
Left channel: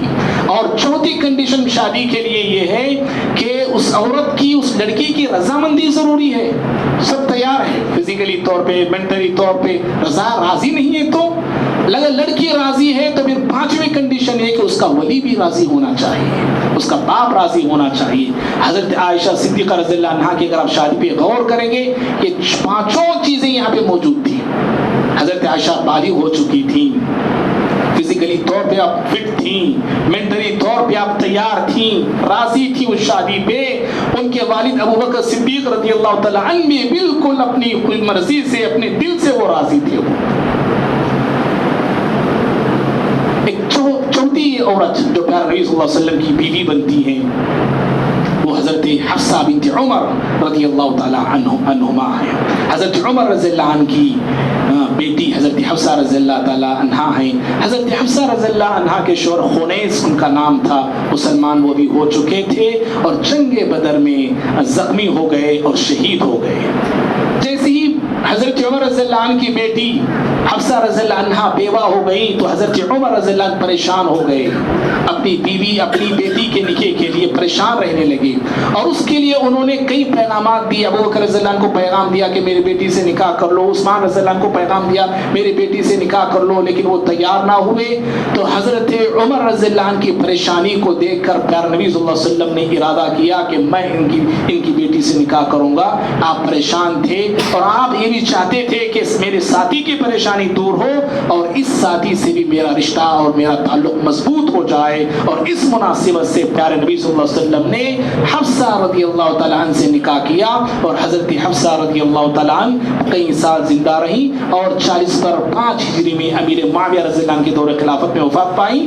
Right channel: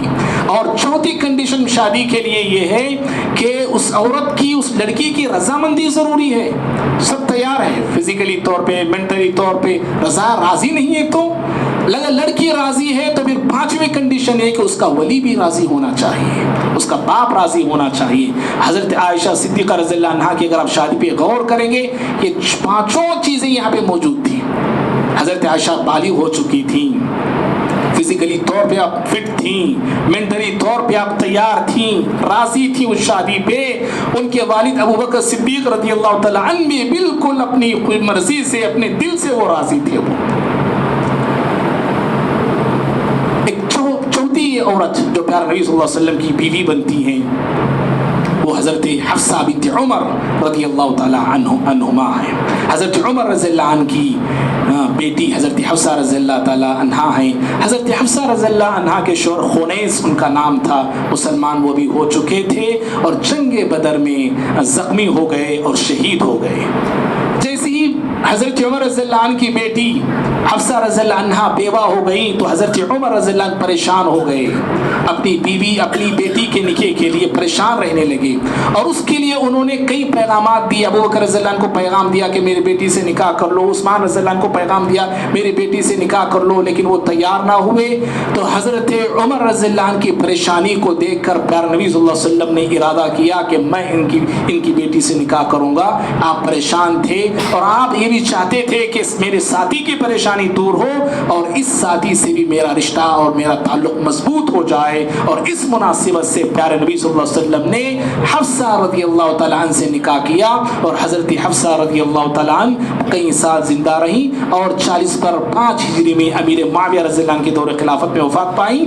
اور چوتھی کنڈیشن شادی کے لیے یہ ہے کہ اس عورت کی، اس لڑکی کی رضامندی ضروری ہے۔ سب تیار ہے فزیکلی طور پہ، مینٹلی طور پہ، راضی نہیں ہے تو لڑکی راضی ہے تو پھر اس کا ولی بھی راضی ہونا چاہیے، اس کا باپ راضی ہونا چاہیے۔ حضرت عائشہ صدیقہ رضی اللہ عنہا کی اگر آپ شادی پہ غور کریں گے، یہ 5 چیزیں یہاں پہ موجود تھیں۔ حضرت عائشہ بالغ ہو چکی تھیں، فزیکلی طور پہ آپ فٹ تھیں، مینٹلی طور پہ آپ تیار تھیں، راضی تھیں اس شادی پہ۔ ان کے والد ابو بکر صدیق رضی اللہ تعالیٰ عنہ بھی بالکل اپنی مرضی سے، اپنے دل سے وہ راضی تھے۔ ایک چوتھی عورت جو پیارے نبی صلی اللہ علیہ وسلم کی بیوی بنتی ہیں وہ حضرت حفصہ بنت عمر رضی اللہ تعالیٰ عنہما ہے۔ حضرت عمر رضی اللہ عنہ کی بیٹی حضرت حفصہ رضی اللہ تعالیٰ عنہا ہیں۔ حضرت حفصہ رضی اللہ عنہا کے شوہر خنیس ان کا نام تھا، مسلمان وہ بھی ہو چکے تھے اور جنگ بدر میں زخمی ہو گئے اور شہید ہو گئے۔ جیسے ہی حضرت عمر رضی اللہ عنہ کی بیٹی حفصہ رضی اللہ عنہا بیوہ ہو گئی تو حضرت عمر رضی اللہ عنہ پریشان ہو گئے، اپنی بیوی اپنی بیٹی کے نکاح کے لیے پریشان رہنے لگے اور اس کے لیے انہوں نے کئی پیغامات دیے۔ ابو بکر رضی اللہ عنہ کو پیغام دیا کہ میری بیٹی سے نکاح کر لو، عثمان رضی اللہ عنہ کو پیغام دیا میری بیٹی سے نکاح کر لو، لیکن وہ تیار نہ ہوئے۔ تو حضرت عمر رضی اللہ عنہ کی پریشانی کو دیکھ کر پیارے نبی صلی اللہ علیہ وسلم نے ارادہ کیا کہ میں ان کی بیٹی سے نکاح کروں گا۔ آپ پریشان تھے اور آپ یہ بھی چاہتے تھے کہ میرے ساتھی کی پریشانی دور ہو اور اس ساتھی سے بھی میرا رشتہ اور میرا تعلق مضبوط ہو جائے، اور اس مناسبت سے پیارے نبی صلی اللہ علیہ وسلم نے حفصہ رضی اللہ تعالیٰ عنہ سے نکاح کیا، اور حضرت حفصہ رضی اللہ تعالیٰ عنہ کئی سال زندہ رہی اور 40 پر 5 ہجری میں امیر معاویہ رضی اللہ عنہ کے دور خلافت میں وفات پائی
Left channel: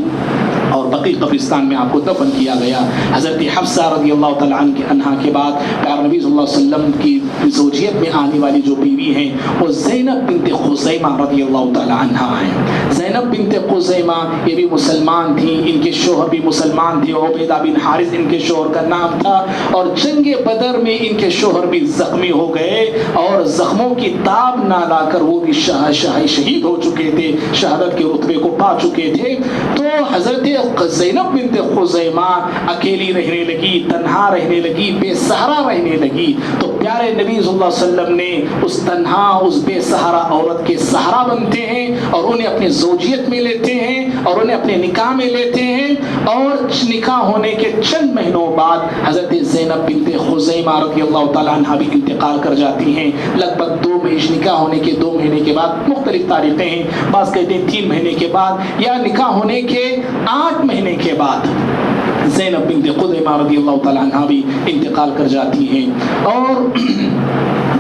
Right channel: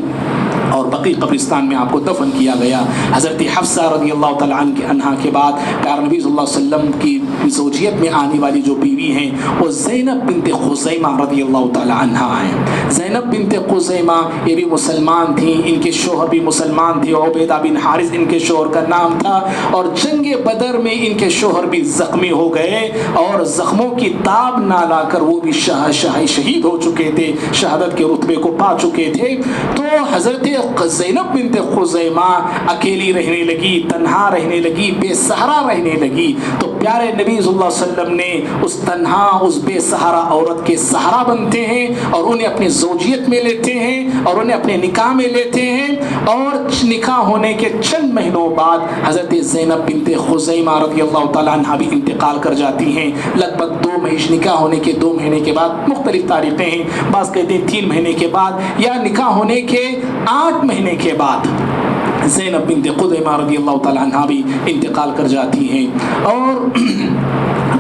اور بقیع قبرستان میں آپ کو دفن کیا گیا۔ حضرت حفصہ رضی اللہ تعالیٰ عنہ کے بعد پیارے نبی صلی اللہ علیہ وسلم کی زوجیت میں آنے والی جو بیوی ہیں وہ زینب بنت خزیمہ رضی اللہ تعالیٰ عنہ ہیں۔ زینب بنت خزیمہ یہ بھی مسلمان تھیں، ان کے شوہر بھی مسلمان تھے، عبیدہ بن حارث ان کے شوہر کا نام تھا، اور جنگ بدر میں ان کے شوہر بھی زخمی ہو گئے اور زخموں کی تاب نہ لا کر وہ بھی شہید ہو چکے تھے، شہادت کے رتبے کو پا چکے تھے۔ تو حضرت زینب بنت خزیمہ اکیلی رہنے لگی، تنہا رہنے لگی، بے سہارا رہنے لگی۔ تو پیارے نبی صلی اللہ علیہ وسلم نے اس تنہا، اس بے سہارا عورت کے سہارا بنتے ہیں اور انہیں اپنی زوجیت میں لیتے ہیں اور انہیں اپنے نکاح میں لیتے ہیں، اور نکاح ہونے کے چند مہینوں بعد حضرت زینب بنت خزیمہ رضی اللہ تعالیٰ عنہ بھی انتقال کر جاتی ہیں۔ لگ بھگ 2 مہینے نکاح ہونے کے 2 مہینے کے بعد، مختلف تاریخیں ہیں، بعض کہتے ہیں 3 مہینے کے بعد یا نکاح ہونے کے 8 مہینے کے بعد زینب بنت خزیمہ رضی اللہ تعالیٰ عنہ بھی انتقال کر جاتی ہیں۔ اور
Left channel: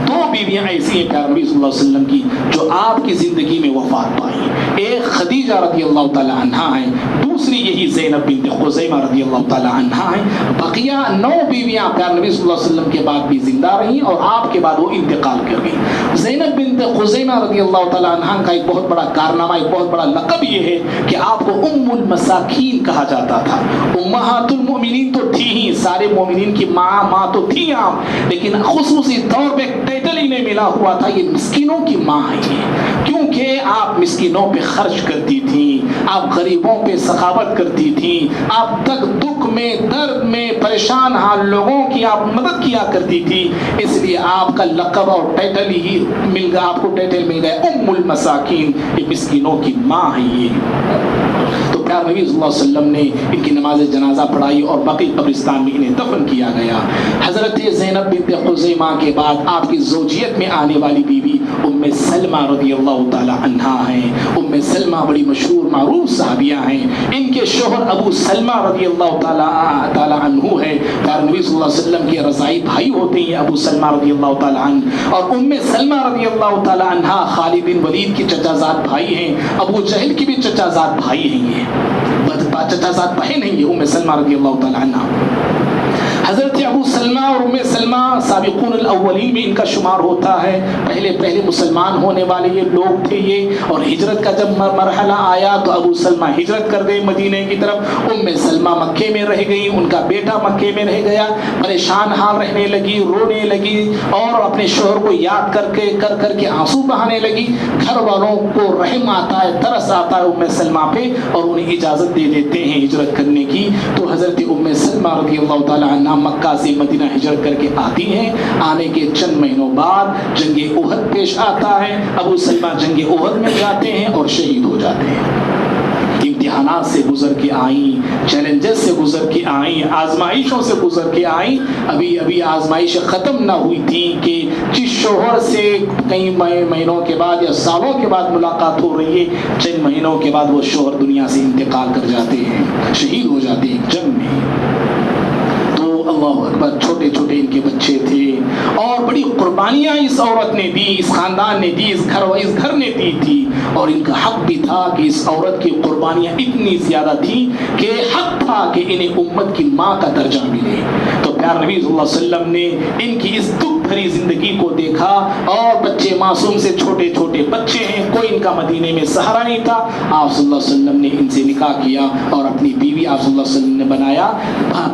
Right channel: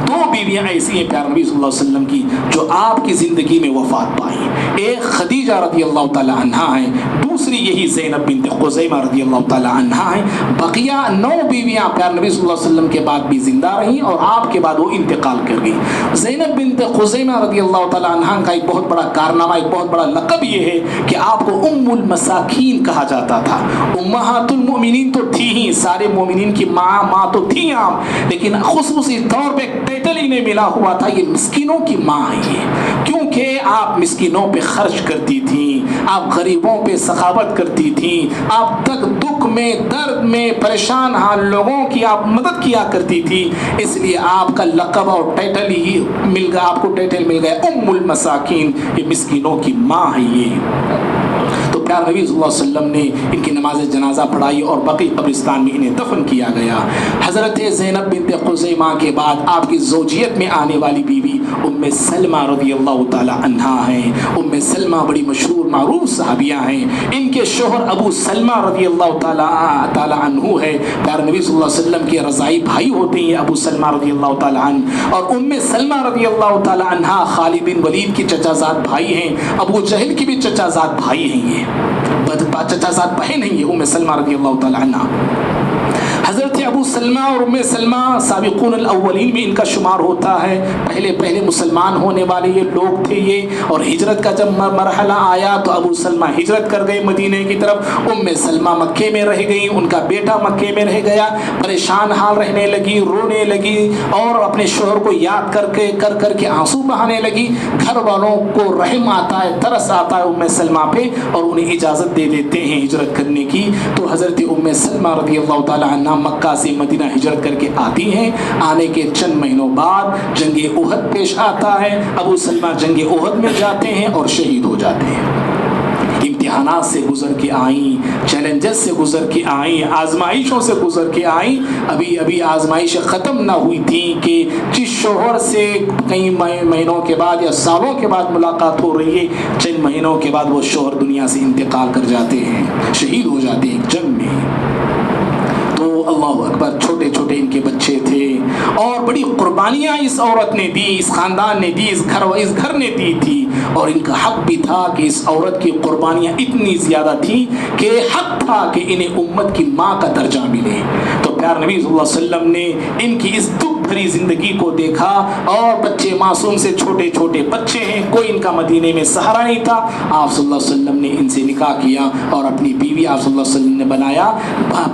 2 بیویاں ایسی ہیں پیارے نبی صلی اللہ علیہ وسلم کی جو آپ کی زندگی میں وفات پائیں۔ ایک خدیجہ رضی اللہ تعالیٰ عنہا ہیں، دوسری یہی زینب بنت خزیمہ رضی اللہ تعالیٰ عنہا ہیں۔ بقیہ 9 بیویاں پیارے نبی صلی اللہ علیہ وسلم کے بعد بھی زندہ رہیں اور آپ کے بعد وہ انتقال کر گئیں۔ زینب بنت خزیمہ رضی اللہ تعالیٰ عنہا کا ایک بہت بڑا کارنامہ، ایک بہت بڑا لقب یہ ہے کہ آپ کو ام المساکین کہا جاتا تھا۔ امہات المؤمنین تو تھی ہی، سارے مومنین کی ماں تو تھی آپ، لیکن خصوصی طور پہ ٹائٹل انہیں ملا ہوا تھا، یہ مسکینوں کی ماں ہے یہ، کیونکہ آپ مسکینوں پہ خرچ کرتی تھیں، آپ غریبوں پہ سخاوت کرتی تھیں، آپ تک دکھ میں، درد میں، پریشان حال لوگوں کی آپ مدد کیا کرتی تھی، اس لیے آپ کا لقب اور ٹائٹل ہی مل گیا، آپ کو ٹائٹل مل گیا ام المساکین، یہ مسکینوں کی ماں ہے یہ۔ تو پیارے نبی صلی اللہ علیہ وسلم نے ان کی نماز جنازہ پڑھائی اور بقیع قبرستان میں انہیں دفن کیا گیا۔ حضرت زینب بنت خزیمہ کے بعد آپ کی زوجیت میں آنے والی بیوی ام سلمہ رضی اللہ تعالی عنہا ہیں۔ ام سلمہ بڑی مشہور معروف صحابیہ ہیں، ان کے شوہر ابو سلمہ رضی اللہ تعالی عنہ ہے، پیارے نبی صلی اللہ علیہ وسلم کے رضاعی بھائی ہوتے ہیں ابو سلمہ رضی اللہ تعالی عنہ، اور ام سلمہ رضی اللہ تعالی عنہا خالد بن ولید کی چچا زاد بھائی ہیں، ابو جہل کی بھی چچا زاد بھائی ہیں، یہ چچا زاد بہن ہیں یہ ام سلمہ رضی اللہ تعالی عنہا۔ حضرت ابو سلمہ اور ام سلمہ سابقون الاولین میں ان کا شمار ہوتا ہے، پہلے مسلمان ہونے والے یہ لوگ تھے یہ، اور ہجرت کا جب مرحلہ آیا تو ابو سلمہ ہجرت کر گئے مدینہ کی طرف، ام سلمہ مکے میں رہ گئی، ان کا بیٹا مکے میں رہ گیا، پریشان حال رہنے لگی، رونے لگی اور اپنے شوہر کو یاد کر کے آنسو بہانے لگی۔ گھر والوں کو رحم آتا ہے، ترس آتا ہے ام سلمہ پہ اور انہیں اجازت دے دیتے ہیں ہجرت کرنے کی۔ تو حضرت ام سلمہ رضی اللہ تعالی عنہ مکہ سے مدینہ ہجرت کر کے آتی ہیں۔ آنے کے چند مہینوں بعد جنگ احد پیش آتا ہے، ابو سلمہ جنگ احد میں جاتے ہیں اور شہید ہو جاتے ہیں۔ امتحانات سے گزر کے آئیں، سے گزر کے آئیں، آزمائشوں سے گزر کے آئیں. ابھی آزمائشیں ختم نہ ہوئی تھی کہ جس شوہر سے کئی مہینوں کے بعد یا سالوں کے بعد ملاقات ہو رہی ہے، چند مہینوں کے بعد وہ شوہر دنیا سے انتقال کر جاتے ہیں، شہید ہو جاتے ہیں ایک جنگ میں. تو اللہ اکبر، چھوٹے چھوٹے ان کے بچے تھے اور بڑی قربانیاں اس عورت نے دی، اس خاندان نے دی، اس گھر نے دی تھی. اور ان کا حق بھی تھا کہ اس عورت کی قربانیاں اتنی زیادہ تھیں کہ حق تھا کہ انہیں امت کی ماں کا درجہ ملے. تو پیارے نبی صلی اللہ علیہ وسلم نے ان کی اس دکھ بھری زندگی کو دیکھا. اور بچے معصوم سے چھوٹے چھوٹے بچے ہیں، کوئی ان کا مدینے میں سہارا نہیں تھا. آپ صلی اللہ علیہ وسلم نے ان سے نکاح کیا اور اپنی بیوی آپ صلی اللہ علیہ وسلم نے بنایا.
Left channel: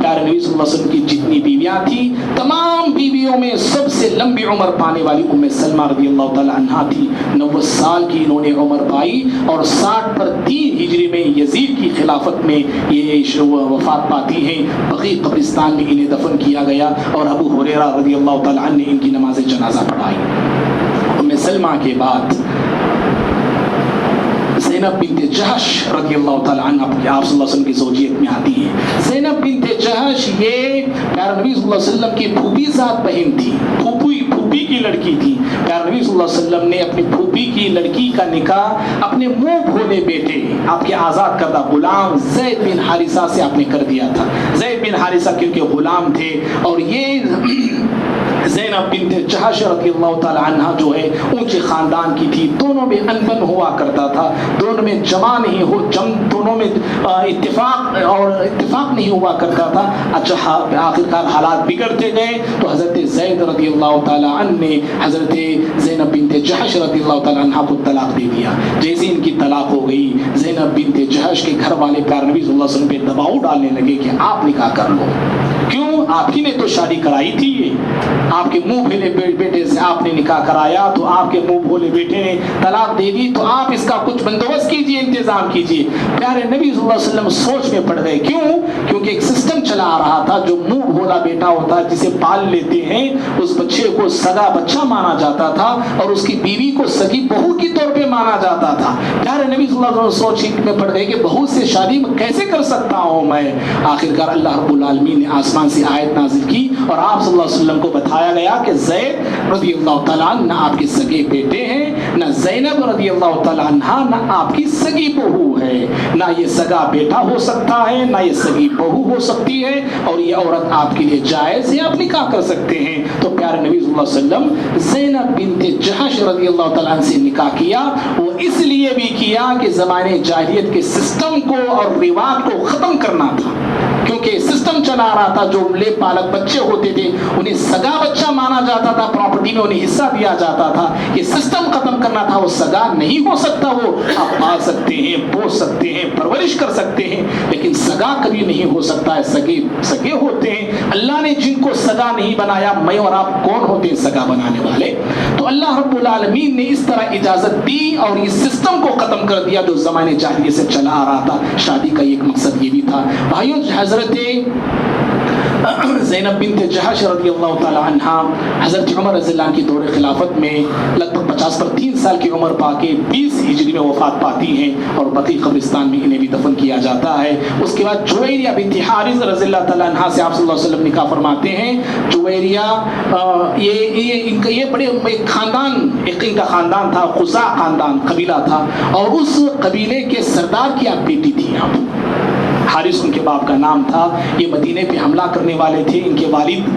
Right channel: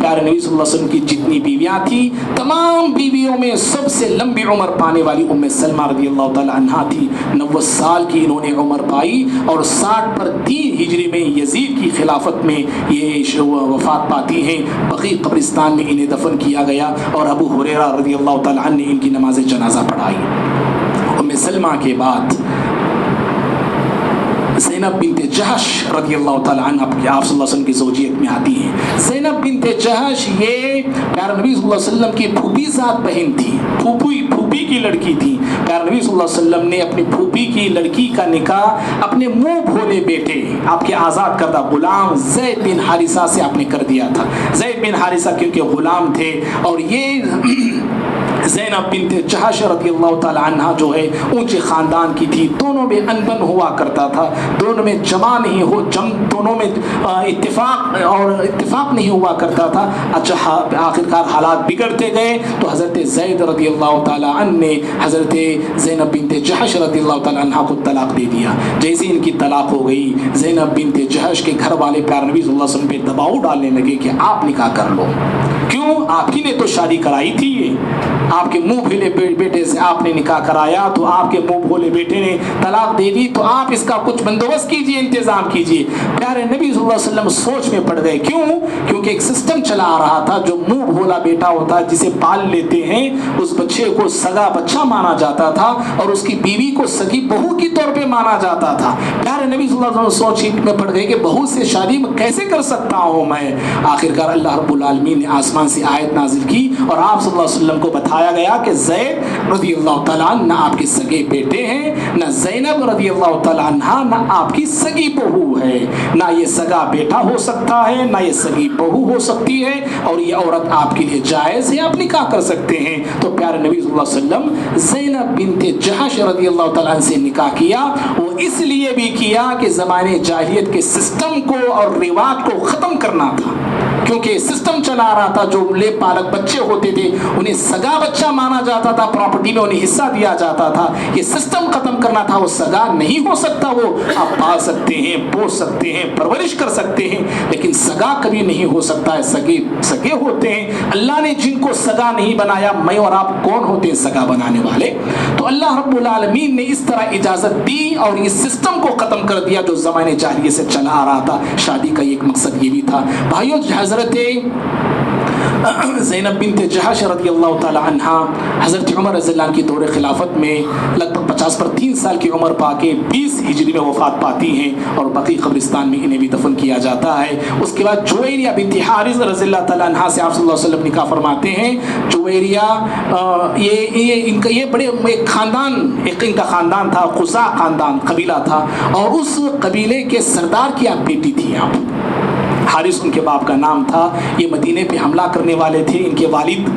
پیارے نبی صلی اللہ علیہ وسلم کی جتنی بیویاں تھیں، تمام بیویوں میں سب سے لمبی عمر پانے والی ام سلمہ رضی اللہ تعالی عنہا تھی. 90 سال کی انہوں نے عمر پائی اور 60 پر 3 ہجری میں یزید کی خلافت میں یہ وفات پاتی ہیں. بقیع قبرستان میں انہیں دفن کیا گیا اور ابو ہریرہ رضی اللہ تعالی عنہ نے ان کی نماز جنازہ پڑھائی. ام سلمہ کے بعد زینب بنت جہش رضی اللہ تعالی عنہ آپ صلی اللہ علیہ وسلم کی زوجیت میں آتی ہیں. زینب بنت جہش یہ پیارے نبی صلی اللہ علیہ وسلم کی پھوپھی ذات بہن تھی، پھوپھی کی لڑکی تھی. پیارے نبی صلی اللہ علیہ وسلم نے اپنی پھوپھی کی لڑکی کا نکاح اپنے منہ بھولے بیٹے، آپ کے آزاد کردہ غلام زید بن حارثہ سے آپ نے کر دیا تھا. زید بن حارثہ کیونکہ غلام تھے اور یہ زینب بنت جہش رضی اللہ تعالی عنہ جو ہے اونچے خاندان کی تھی. دونوں میں انبن ہوا کرتا تھا، دونوں میں جمع نہیں ہو دونوں میں اتفاق نہیں ہوا کرتا تھا. اچھا آخرکار حالات بگڑتے گئے تو حضرت زید رضی اللہ تعالی عنہ نے حضرت زینب بنت جہش رضی اللہ تعالی عنہ کو طلاق دے دیا. جیسے ان کی طلاق ہو گئی، زینب بنت جہش کے گھر والے پیارے نبی صلی اللہ علیہ وسلم پہ دباؤ ڈالنے لگے کہ آپ نکاح کر لو. کیوں؟ آپ ہی نے تو شادی کرائی تھی، آپ کے منہ بھولے بیٹے سے آپ نے نکاح کرایا تو آپ کے منہ بھولے بیٹے نے طلاق دے دی، تو آپ اس کا کچھ بندوبست کیجئے، انتظام کیجئے. پیارے نبی صلی اللہ علیہ وسلم سوچ میں پڑ گئے. کیوں؟ کیونکہ ایک سسٹم چلا آ رہا تھا، جو منہ بھولا بیٹا ہوتا ہے جسے پال لیتے ہیں اس بچے کو سگا بچہ مانا جاتا تھا اور اس کی بیوی کو سگی بہو کی طور پہ مانا جاتا تھا. پیارے نبی صلی اللہ علیہ وسلم سوچ میں پڑ گئے کہ بہو سے شادی کیسے کر سکتا ہوں میں. آخرکار اللہ رب العالمین نے آسمان سے آیت نازل کی اور آپ صلی اللہ علیہ وسلم کو بتایا گیا کہ زید رضی اللہ تعالیٰ عنہ نہ آپ کے سگے بیٹے ہیں، نہ زینب رضی اللہ تعالیٰ عنہ نہ آپ کی سگی بہو ہے. نہ یہ سگا بیٹا ہو سکتا ہے، نہ یہ سگی بہو ہو سکتی ہے، اور یہ عورت آپ کے لیے جائز ہے، آپ نکاح کر سکتے ہیں. تو پیارے نبی صلی اللہ علیہ وسلم زینب بنت جہش رضی اللہ تعالیٰ عنہ سے نکاح کیا. وہ اس لیے بھی کیا کہ زمانے جاہلیت کے سسٹم کو اور رواج کو ختم کرنا تھا. کیونکہ سسٹم چلا رہا تھا، جو لے پالک بچے ہوتے تھے انہیں سگا بچہ مانا جاتا تھا، پراپرٹی میں انہیں حصہ دیا جاتا تھا. یہ سسٹم ختم کرنا تھا. وہ سگا نہیں ہو سکتا، وہ آپ پال سکتے ہیں، پوس سکتے ہیں، پرورش کر سکتے ہیں، لیکن سگا کبھی نہیں ہو سکتا ہے. سگے ہوتے ہیں. اللہ نے جن کو سگا نہیں بنایا، میں اور آپ کون ہوتے ہیں سگا بنانے والے؟ تو اللہ رب العالمین نے اس طرح اجازت دی اور یہ سسٹم کو ختم کر دیا جو زمانے جاہلیت سے چلا آ رہا تھا. شادی کا ایک مقصد یہ بھی تھا. بھائیو، حضرت زینب بنت جہش رضی اللہ تعالی عنہ حضرت عمر رضی اللہ عنہ کی دور خلافت میں لگ بھگ 50 پر 3 سال کی عمر پا کے 20 ہجری میں وفات پاتی ہیں اور بقیع قبرستان میں انہیں بھی دفن کیا جاتا ہے. اس کے بعد جویریہ بنت حارث رضی اللہ تعالی عنہ سے آپ صلی اللہ علیہ وسلم نکاح فرماتے ہیں. جویریہ یہ بڑے ایک خاندان، ایک ان کا خاندان تھا، خزاع خاندان قبیلہ تھا، اور اس قبیلے کے سردار کی آپ بیٹی تھی. آپ حارث ان کے باپ کا نام تھا. یہ مدینے پہ حملہ کرنے والے تھے. ان کے والد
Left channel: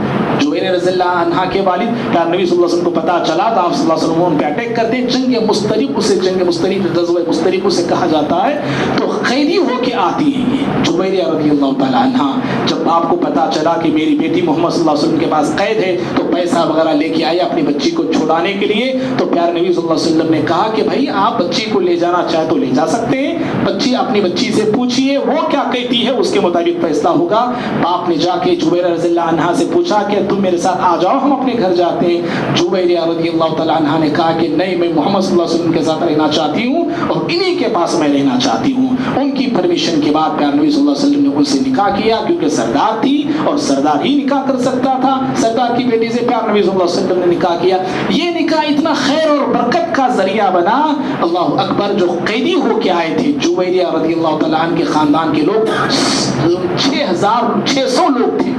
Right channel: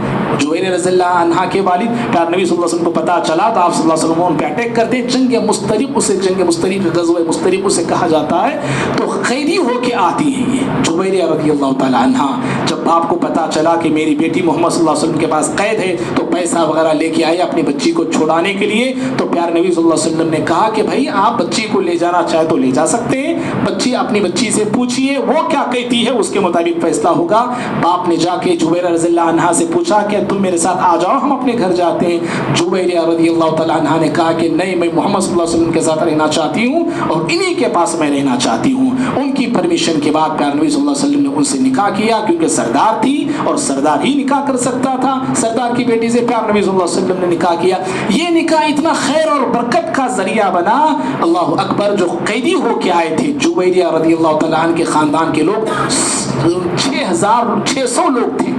جویر رضی اللہ عنہ کے والد، پیارے نبی صلی اللہ علیہ وسلم کو پتہ چلا تو آپ صلی اللہ علیہ وسلم ان پہ اٹیک کرتے. جنگ مسترق غزوہ مسترق اسے کہا جاتا ہے. تو قیدی ہو کے آتی ہیں یہ جویریہ رضی اللہ تعالی عنہ. جب باپ کو پتہ چلا کہ میری بیٹی محمد صلی اللہ علیہ وسلم کے پاس قید ہے تو پیسہ وغیرہ لے کے آئے اپنی بچی کو چھڑانے کے لیے. تو پیارے نبی صلی اللہ علیہ وسلم نے کہا کہ بھائی آپ بچی کو لے جانا چاہے تو لے جا سکتے ہیں. اپنی بچی سے پوچھئے وہ کیا کہتی ہے، اس کے مطابق فیصلہ ہوگا. باپ نے جا کے جویریہ رضی اللہ عنہ سے پوچھا کہ تم میرے ساتھ آ جاؤ، ہم اپنے گھر جاتے ہیں. جویریہ رضی اللہ تعالی عنہ نے کہا کہ نہیں، میں محمد صلی اللہ علیہ وسلم کے ساتھ رہنا چاہتی ہوں اور انہی کے پاس میں رہنا چاہتی ہوں. ان کی پرمیشن کے بعد پیارے نبی صلی اللہ علیہ وسلم نے ان سے نکاح کیا، کیونکہ سردار تھی اور سردار ہی نکاح کر سکتا تھا. سردار کی بیٹی سے پیارے نبی صلی اللہ علیہ وسلم نے نکاح کیا. یہ نکاح اتنا خیر اور برکت کا ذریعہ بنا. اللہ اکبر. جو قیدی ہو کے آئے تھے جویریہ رضی اللہ تعالیٰ عنہ کے خاندان کے لوگ 6,600 لوگ تھے.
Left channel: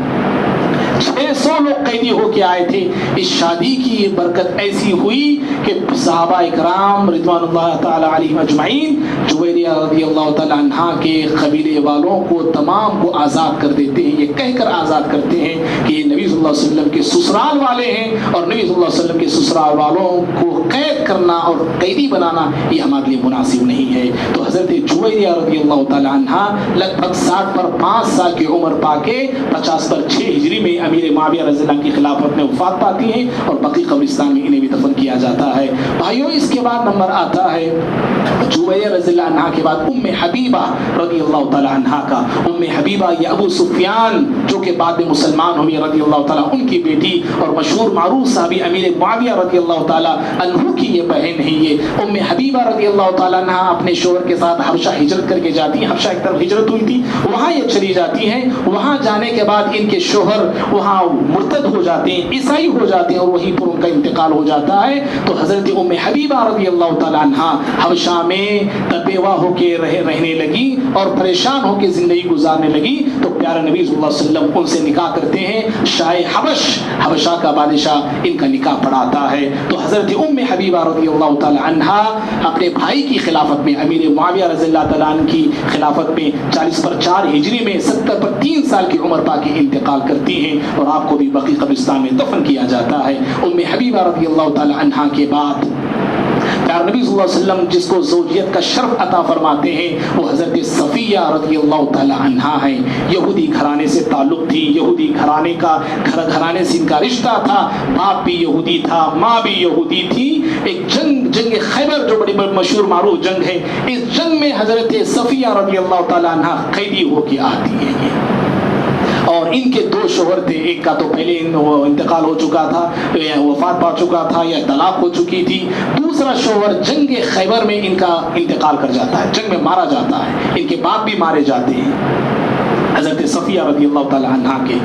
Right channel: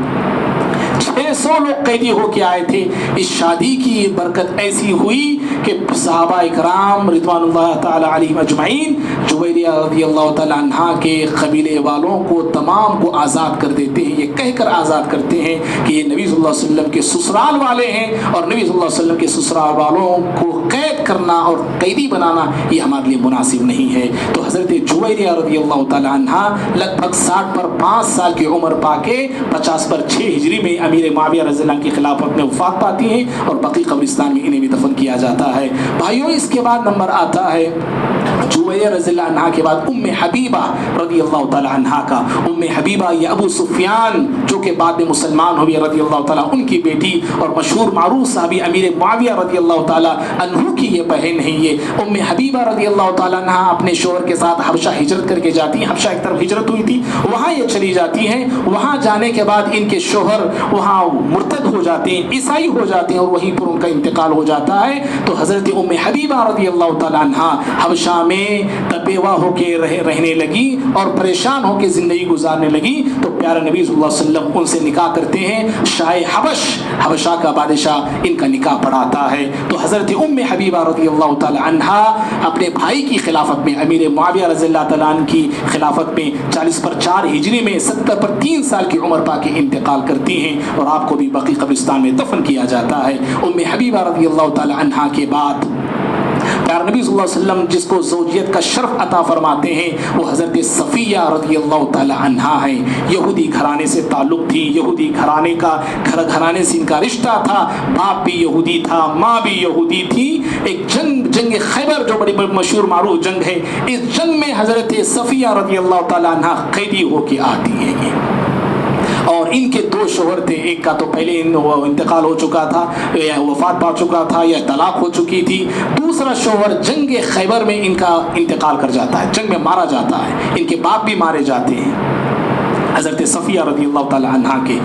600 لوگ قیدی ہو کے آئے تھے. اس شادی کی یہ برکت ایسی ہوئی کہ صحابہ اکرام رضوان اللہ تعالیٰ علیہم اجمعین جویریہ رضی اللہ تعالیٰ عنہ کے قبیلے والوں کو تمام کو آزاد کر دیتے ہیں. یہ کہہ کر آزاد کرتے ہیں کہ یہ نبی صلی اللہ علیہ وسلم کے سسرال والے ہیں اور نبی صلی اللہ علیہ وسلم کے سسرال والوں کو قید کرنا اور قیدی بنانا یہ ہمارے لیے مناسب نہیں ہے. تو حضرت جویریہ رضی اللہ تعالیٰ عنہ لگ بھگ 60 پر 5 سال کی عمر پا کے 50 پر 6 ہجری میں امیر معاویہ رضی اللہ عنہ کی خلافت میں وفات پاتی ہے اور بقیع قبرستان میں انہیں بھی دفن کیا جاتا ہے. بھائیوں اس کے بعد نمبر آتا ہے جویریہ رضی اللہ عنہ کے بعد ام حبیبہ رضی اللہ تعالیٰ عنہ کا. ام حبیبہ یہ ابو سفیان جو کہ بعد میں مسلمان ہوئی رضی اللہ تعالیٰ ان کی بیٹی اور مشہور معروف صحابی امیر معاویہ رضی اللہ تعالیٰ عنہ کی یہ بہن ہے. یہ ام حبیبہ رضی اللہ تعالیٰ عنہ اپنے شوہر کے ساتھ حبشہ ہجرت کر کے جاتی ہیں. حبشہ ایک طرف ہجرت ہوئی تھی, وہاں یہ چلی جاتی ہیں. وہاں جانے کے بعد ان کے شوہر وہاں مرتد ہو جاتے ہیں, عیسائی ہو جاتے ہیں اور وہیں پر ان کا انتقال ہو جاتا ہے. تو حضرت ام حبیبہ رضی اللہ تعالیٰ عنہ حبشہ میں بیوہ ہو کے رہنے لگی اور پریشان ہو کے زندگی گزارنے لگی. تو پیارے نبی صلی اللہ علیہ وسلم ان سے نکاح کرتے ہیں. شاہ حبشہ کا بادشاہ ان کا نکاح پڑھاتا ہے. تو حضرت ام حبیبہ رضی اللہ تعالیٰ عنہ اپنے بھائی کی خلافت میں امیر معاویہ رضی اللہ تعالیٰ عنہ کی خلافت میں 40 پر 4 ہجری میں 70 پر 3 سال کی عمر پا کے انتقال کرتی ہیں اور آپ کو بھی بقیع قبرستان میں دفن کیا جاتا ہے. ام حبیبہ رضی اللہ تعالیٰ عنہ کے بعد پیارے نبی صلی اللہ علیہ وسلم جس کو زوجیت کا شرف عطا فرماتے ہیں وہ حضرت صفیہ رضی اللہ تعالیٰ عنہ ہیں. یہودی گھرانے سے تعلق تھی, یہودی گھرانے سے ان کا رشتہ تھا. باپ بھی یہودی تھا, ماں بھی یہودی تھی. ایک جنگ خیبر جو بڑی مشہور معروف جنگ ہے, اس جنگ میں حضرت صفیہ رضی اللہ تعالیٰ عنہ قیدی ہو کے آتی ہیں. اور ان کے 2 شوہر تھے. ایک کا تو پہلے انتقال ہو چکا تھا, وفات پا چکا تھا یا طلاق ہو چکی تھی. دوسرا شوہر جنگ خیبر میں ان کا انتقال کر جاتا ہے, جنگ میں مارا جاتا ہے. ان کے باپ بھی مارے جاتے ہیں حضرت صفیہ رضی اللہ تعالیٰ عنہ کے.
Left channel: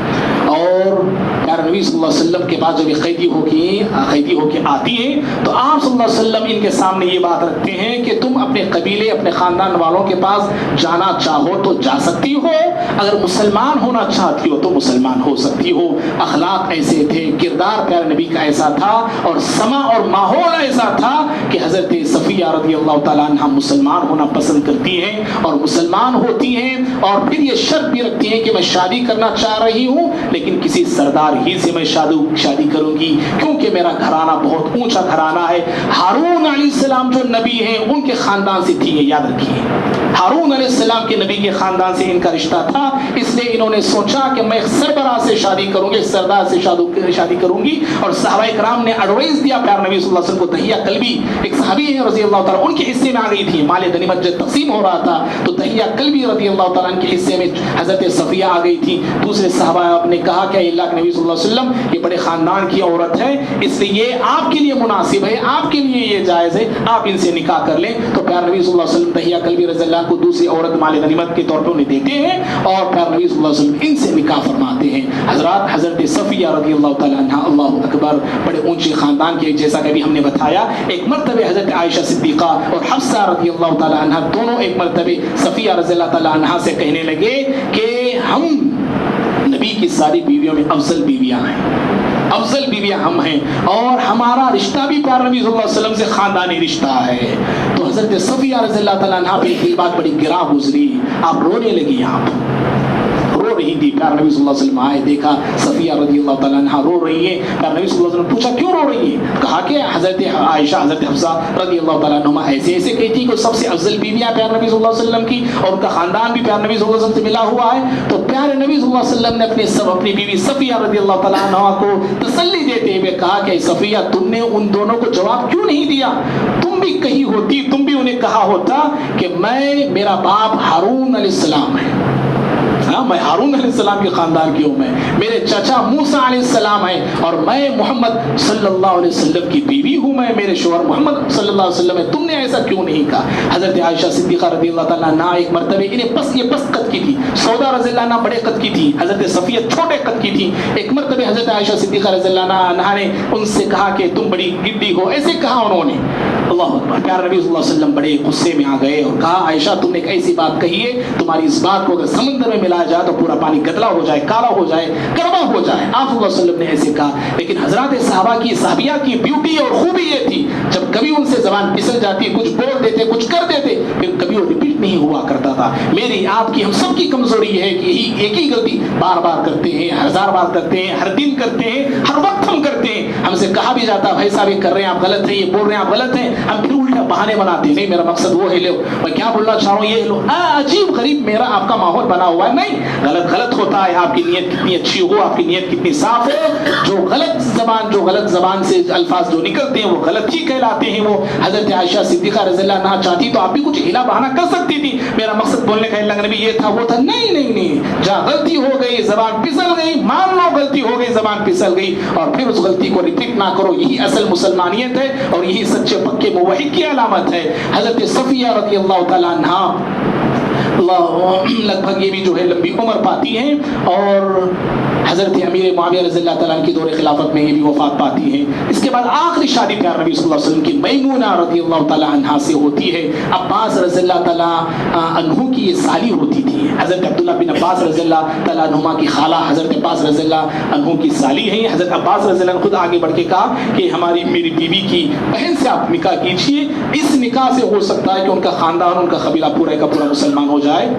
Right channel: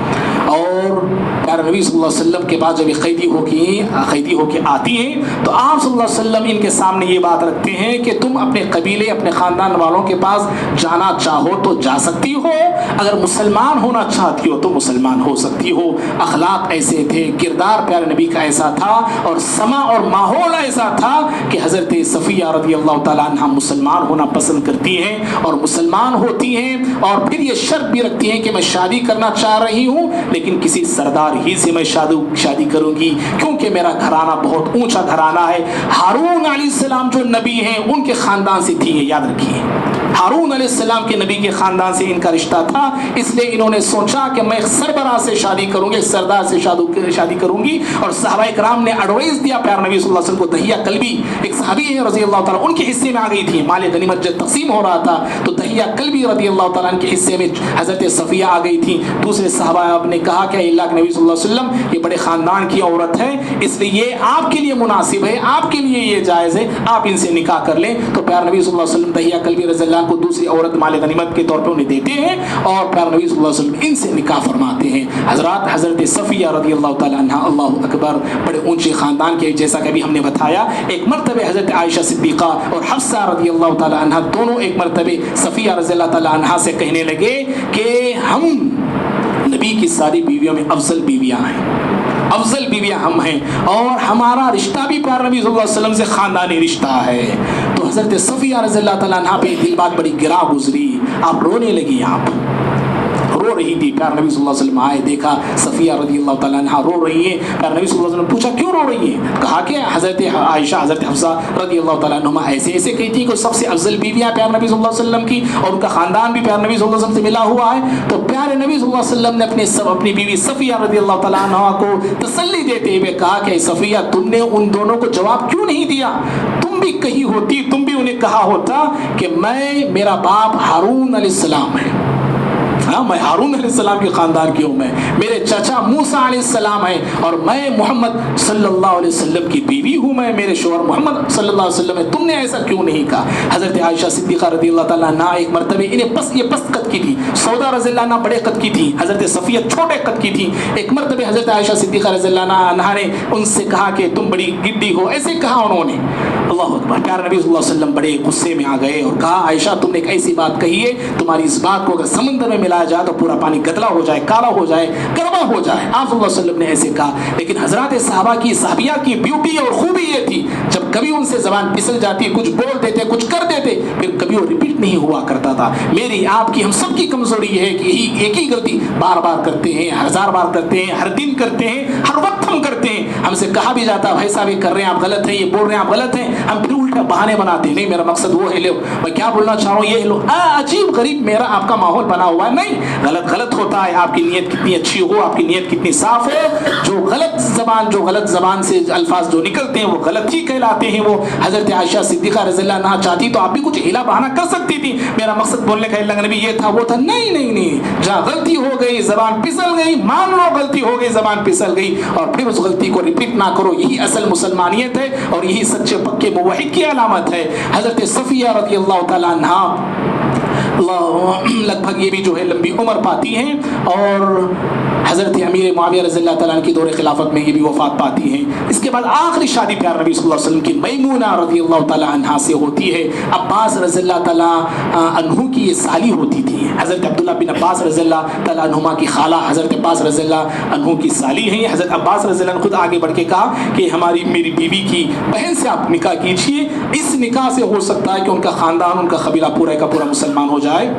اور پیارے نبی صلی اللہ علیہ وسلم کے بعد جب یہ قیدی ہو کے آتی ہیں تو آپ صلی اللہ علیہ وسلم ان کے سامنے یہ بات رکھتے ہیں کہ تم اپنے قبیلے اپنے خاندان والوں کے پاس جانا چاہو تو جا سکتی ہو, اگر مسلمان ہونا چاہتی ہو تو مسلمان ہو سکتی ہو. اخلاق ایسے تھے, کردار پیارے نبی کا ایسا تھا اور سما اور ماحول ایسا تھا کہ حضرت صفیہ رضی اللہ تعالیٰ عنہ مسلمان ہونا پسند کرتی ہیں اور مسلمان ہوتی ہیں. اور پھر یہ شرط بھی رکھتی ہیں کہ میں شادی کرنا چاہ رہی ہوں لیکن کسی سردار ہی سے میں شادی کروں گی کیونکہ میرا گھرانہ بہت اونچا گھرانہ ہے. ہارون علیہ السلام جو نبی ہیں ان کے خاندان سے تھی, یہ یاد رکھیے. ہارون علیہ السلام کے نبی کے خاندان سے ان کا رشتہ تھا, اس لیے انہوں نے سوچا کہ میں ایک سربراہ سے شادی کروں گی, ایک سردار سے شادی کروں گی. اور صحابہ کرام نے ایڈوائز دیا پیارے نبی صلی اللہ علیہ وسلم کو. دہیہ کلبی ایک صحابی ہیں رضی اللہ تعالیٰ, ان کے حصے میں آ گئی تھی. مال غنیمت جب تقسیم ہو رہا تھا تو دہیہ کلبی رضی اللہ تعالیٰ کے حصے میں حضرت صفیہ آ گئی تھی. دوسرے صحابہ نے کہا کہ اللہ کے نبی صلی اللہ علیہ وسلم یہ بڑے خاندان کی عورت ہے, اس لیے یہ آپ کے لیے مناسب ہے, آپ کے لیے یہ جائز ہے, آپ ان سے نکاح کر لیں. تو پیارے نبی صلی اللہ علیہ وسلم دہیہ کلبی رضی اللہ کو دوسری عورت مال غنیمت کے طور پر انہیں دیتے ہیں اور پیارے نبی صلی اللہ علیہ وسلم ان سے نکاح فرماتے ہیں. حضرت صفیہ رضی اللہ تعالیٰ عنہ اللہ اکبر بڑے اونچے خاندان کے, جیسا کہ ابھی ہم نے بتایا. ایک مرتبہ حضرت عائشہ صدیقہ اور حفصہ رضی اللہ تعالیٰ عنہ دونوں ایک مرتبہ صفیہ رضی اللہ تعالیٰ عنہ سے کہنے لگے کہ ہم نبی کی ساری بیویوں میں افضل بیویاں ہم ہیں اور ہمارا رشتہ بھی پیارے نبی صلی اللہ علیہ وسلم سے خاندانی رشتہ ہے. تو حضرت صفیہ رضی اللہ تعالیٰ عنہ پہ دل بات بڑی گرا گزری, آپ رونے لگی, آپ رو رہی تھی. پیارے نبی صلی اللہ علیہ وسلم آئے, دیکھا صفیہ رضی اللہ تعالیٰ عنہ رو رہی ہیں. پیارے نبی صلی اللہ علیہ وسلم پوچھا کیوں رو رہی ہیں؟ کہا کہ حضرت عائشہ حضرت حفصہ رضی اللہ تعالیٰ عنہ ایسے کہتی کہ سب سے افضل بیویاں پیارے نبی صلی اللہ علیہ وسلم کی اور ان کا خاندان بھی پیارے نبی صلی اللہ علیہ وسلم سے ملا ہوا ہے. تو پیارے نبی صلی اللہ علیہ وسلم نے اپنی بیوی صفیہ رضی اللہ تعالیٰ عنہ کو تسلی دیتے ہوئے کہا کہ صفیہ تم نے ان دونوں کو جواب کیوں نہیں دیا؟ تم بھی کہی ہوتی, تم بھی انہیں کہا ہوتا کہ میرا باپ ہارون علیہ السلام ہے, نا میں ہارون علیہ السلام کے خاندان کی ہوں، میں میرے چچا موسیٰ علیہ السلام ہیں، اور میں محمد صلی اللہ علیہ وسلم کی بیوی ہوں، میں میرے شوہر محمد صلی اللہ علیہ وسلم ہے، تم نے ایسا کیوں نہیں کہا؟ حضرت عائشہ صدیقہ رضی اللہ تعالیٰ عنہ ایک مرتبہ انہیں پست قد کی تھی، سودا رضی اللہ عنہ بڑے قد کی تھی، حضرت صفیہ چھوٹے قد کی تھی. ایک مرتبہ حضرت عائشہ صدیقہ رضی اللہ عنہ نے ان سے کہا کہ تم بڑی گڈی ہو، ایسے کہا انہوں نے. اللہ اکبر. پیارے نبی صلی اللہ علیہ وسلم بڑے غصے میں آ گئے اور کہا عائشہ تم نے ایک ایسی بات کہی ہے، تمہاری اس بات کو اگر سمندر میں ملایا جائے تو پورا پانی گدلا ہو جائے، کالا ہو جائے، کڑوا ہو جائے. آپ صلی اللہ علیہ وسلم نے ایسے کہا. لیکن حضرات صحابہ کی صحابیہ کی بیوٹی اور خوبی یہ تھی جب کبھی ان سے زبان پھسل جاتی، کچھ بول دیتے، کچھ کر دیتے، پھر کبھی وہ ریپیٹ نہیں ہوا کرتا تھا. میری آپ کی ہم سب کی کمزوری ہے کہ یہی ایک ہی غلطی بار بار کرتے ہیں، ہزار بار کرتے ہیں، ہر دن کرتے ہیں، ہر وقت ہم کرتے ہیں. ہم سے کہا بھی جاتا بھائی صاحب یہ کر رہے ہیں آپ غلط ہیں، یہ بول رہے ہیں آپ غلط ہیں، ہم پھر الٹا بہانے بناتے ہیں. نہیں میرا مقصد وہ ہے، لو میں کیا بولنا چاہ رہا ہوں یہ لو. عجیب غریب میرا آپ کا ماحول بنا ہوا ہے. نہیں، غلط ہوتا ہے. آپ کی نیت کتنی اچھی ہو، آپ کی نیت کتنی صاف ہو، جو غلط زبان سے الفاظ جو نکلتے ہیں وہ غلط ہی کہلاتے ہیں. وہ حضرت عائشہ صدیقہ رضی اللہ عنہا چاہتی تو آپ بھی کچھ ہلا بہانا کر سکتی تھی. میرا مقصد بولنے کا اللہ نبی یہ تھا وہ تھا. نہیں، جہاں غلطی ہو گئی، زبان پھسل گئی، مان لو غلطی ہو گئی، زبان پھسل گئی، اور پھر اس غلطی کو ریپیٹ نہ کرو. یہی اصل مسلمانیت ہے اور یہی سچے پکے موحد کی علامت ہے. حضرت صفیہ رضی اللہ تعالیٰ عنہا لگ بھگ یہ بھی جو ہے لمبی عمر پاتی ہیں، اور حضرت امیر معاویہ رضی اللہ تعالیٰ عنہ کی دور خلافت میں یہ بھی وفات پاتی ہیں. اس کے بعد آخری شادی پیار نبی صلی اللہ علیہ وسلم کی میمونہ رضی اللہ تعالیٰ عنہ سے ہوتی ہے. عباس رضی اللہ تعالیٰ عنہ کی یہ سالی ہوتی تھی. حضرت عبداللہ بن عباس رضی اللہ تعالیٰ عنہما کی خالہ حضرت عباس رضی اللہ عنہ کی سالی ہیں. حضرت عباس رضی اللہ عنہ خود آگے بڑھ کے کہا کہ میری بیوی کی بہن سے آپ نکاح کیجیے، اس نکاح سے ہو سکتا ہے کہ ان کا خاندان، ان کا قبیلہ پورا کا پورا مسلمان ہو جائے.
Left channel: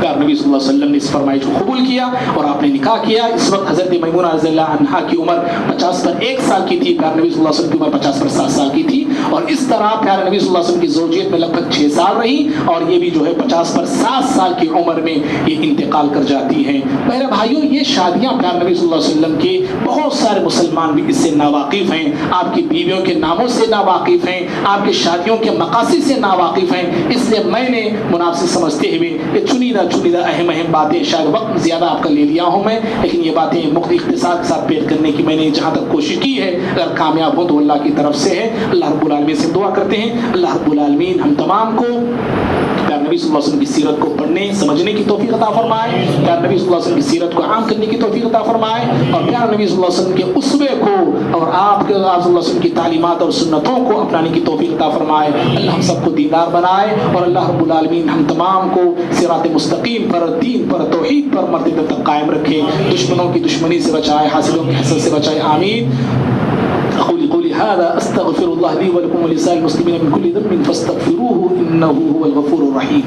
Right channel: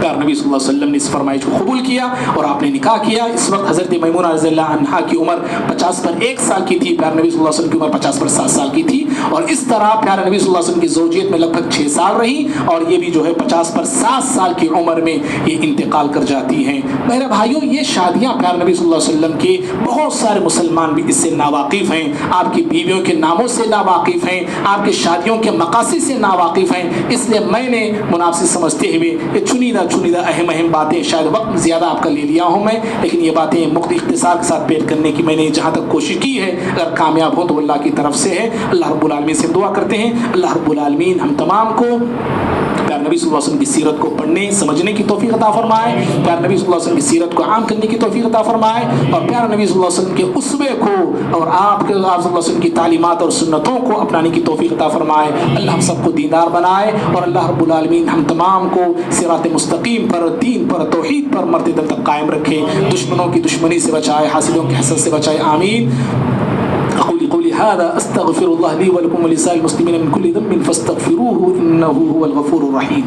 پیارے نبی صلی اللہ علیہ وسلم نے اس فرمائش کو قبول کیا اور آپ نے نکاح کیا. اس وقت حضرت میمونہ رضی اللہ عنہا کی عمر 50 پر 1 سال کی تھی، پیارے نبی صلی اللہ علیہ وسلم کی عمر 50 پر 7 سال کی تھی. اور اس طرح پیارے نبی صلی اللہ علیہ وسلم کی زوجیت میں لگ بھگ 6 سال رہی، اور یہ بھی جو ہے 50 پر 7 سال کی عمر میں یہ انتقال کر جاتی ہیں. میرے بھائیوں یہ شادیاں پیارے نبی صلی اللہ علیہ وسلم کے بہت سارے مسلمان بھی اس سے ناواقف ہیں. آپ کی بیویوں کے ناموں سے ناواقف ہیں، آپ کی شادیوں کے مقاصد سے ناواقف ہیں. اس لیے میں نے مناسب سمجھتے ہوئے یہ چنیدہ اہم باتیں، شاید وقت زیادہ آپ کا لے لیا ہوں میں، لیکن یہ باتیں اختصار کے ساتھ پیش کرنے کی میں نے جہاں تک کوشش کی ہے. اگر کامیاب ہو تو اللہ کی طرف سے ہے. اللہ رب العالمین سے دعا کرتے ہیں اللہ رب العالمین ہم تمام کو پیارے نبی صلی اللہ علیہ وسلم کی سیرت کو پڑھنے سمجھنے کی توفیق عطا فرمائے، پیارے نبی صلی اللہ علیہ وسلم کی سیرت کو عام کرنے کی توفیق عطا فرمائے، اور پیارے نبی صلی اللہ علیہ وسلم کے اسوے کو اور آپ صلی اللہ علیہ وسلم کی تعلیمات اور سنتوں کو اپنانے کی توفیق عطا فرمائے. اللہ ہم سب کو دیندار بنائے، اور اللہ رب العالمین ہم تمام کو صراط مستقیم پر، دین پر، توحید پر مرتبہ تک قائم رکھے، دشمنوں کی دشمنی سے بچائے، حاسدوں کے حسد سے بچائے. آمین. قولي هذا استغفر الله لي ولكم ولسائر المسلمين من كل ذنب فاستغفروه انه هو الغفور الرحيم.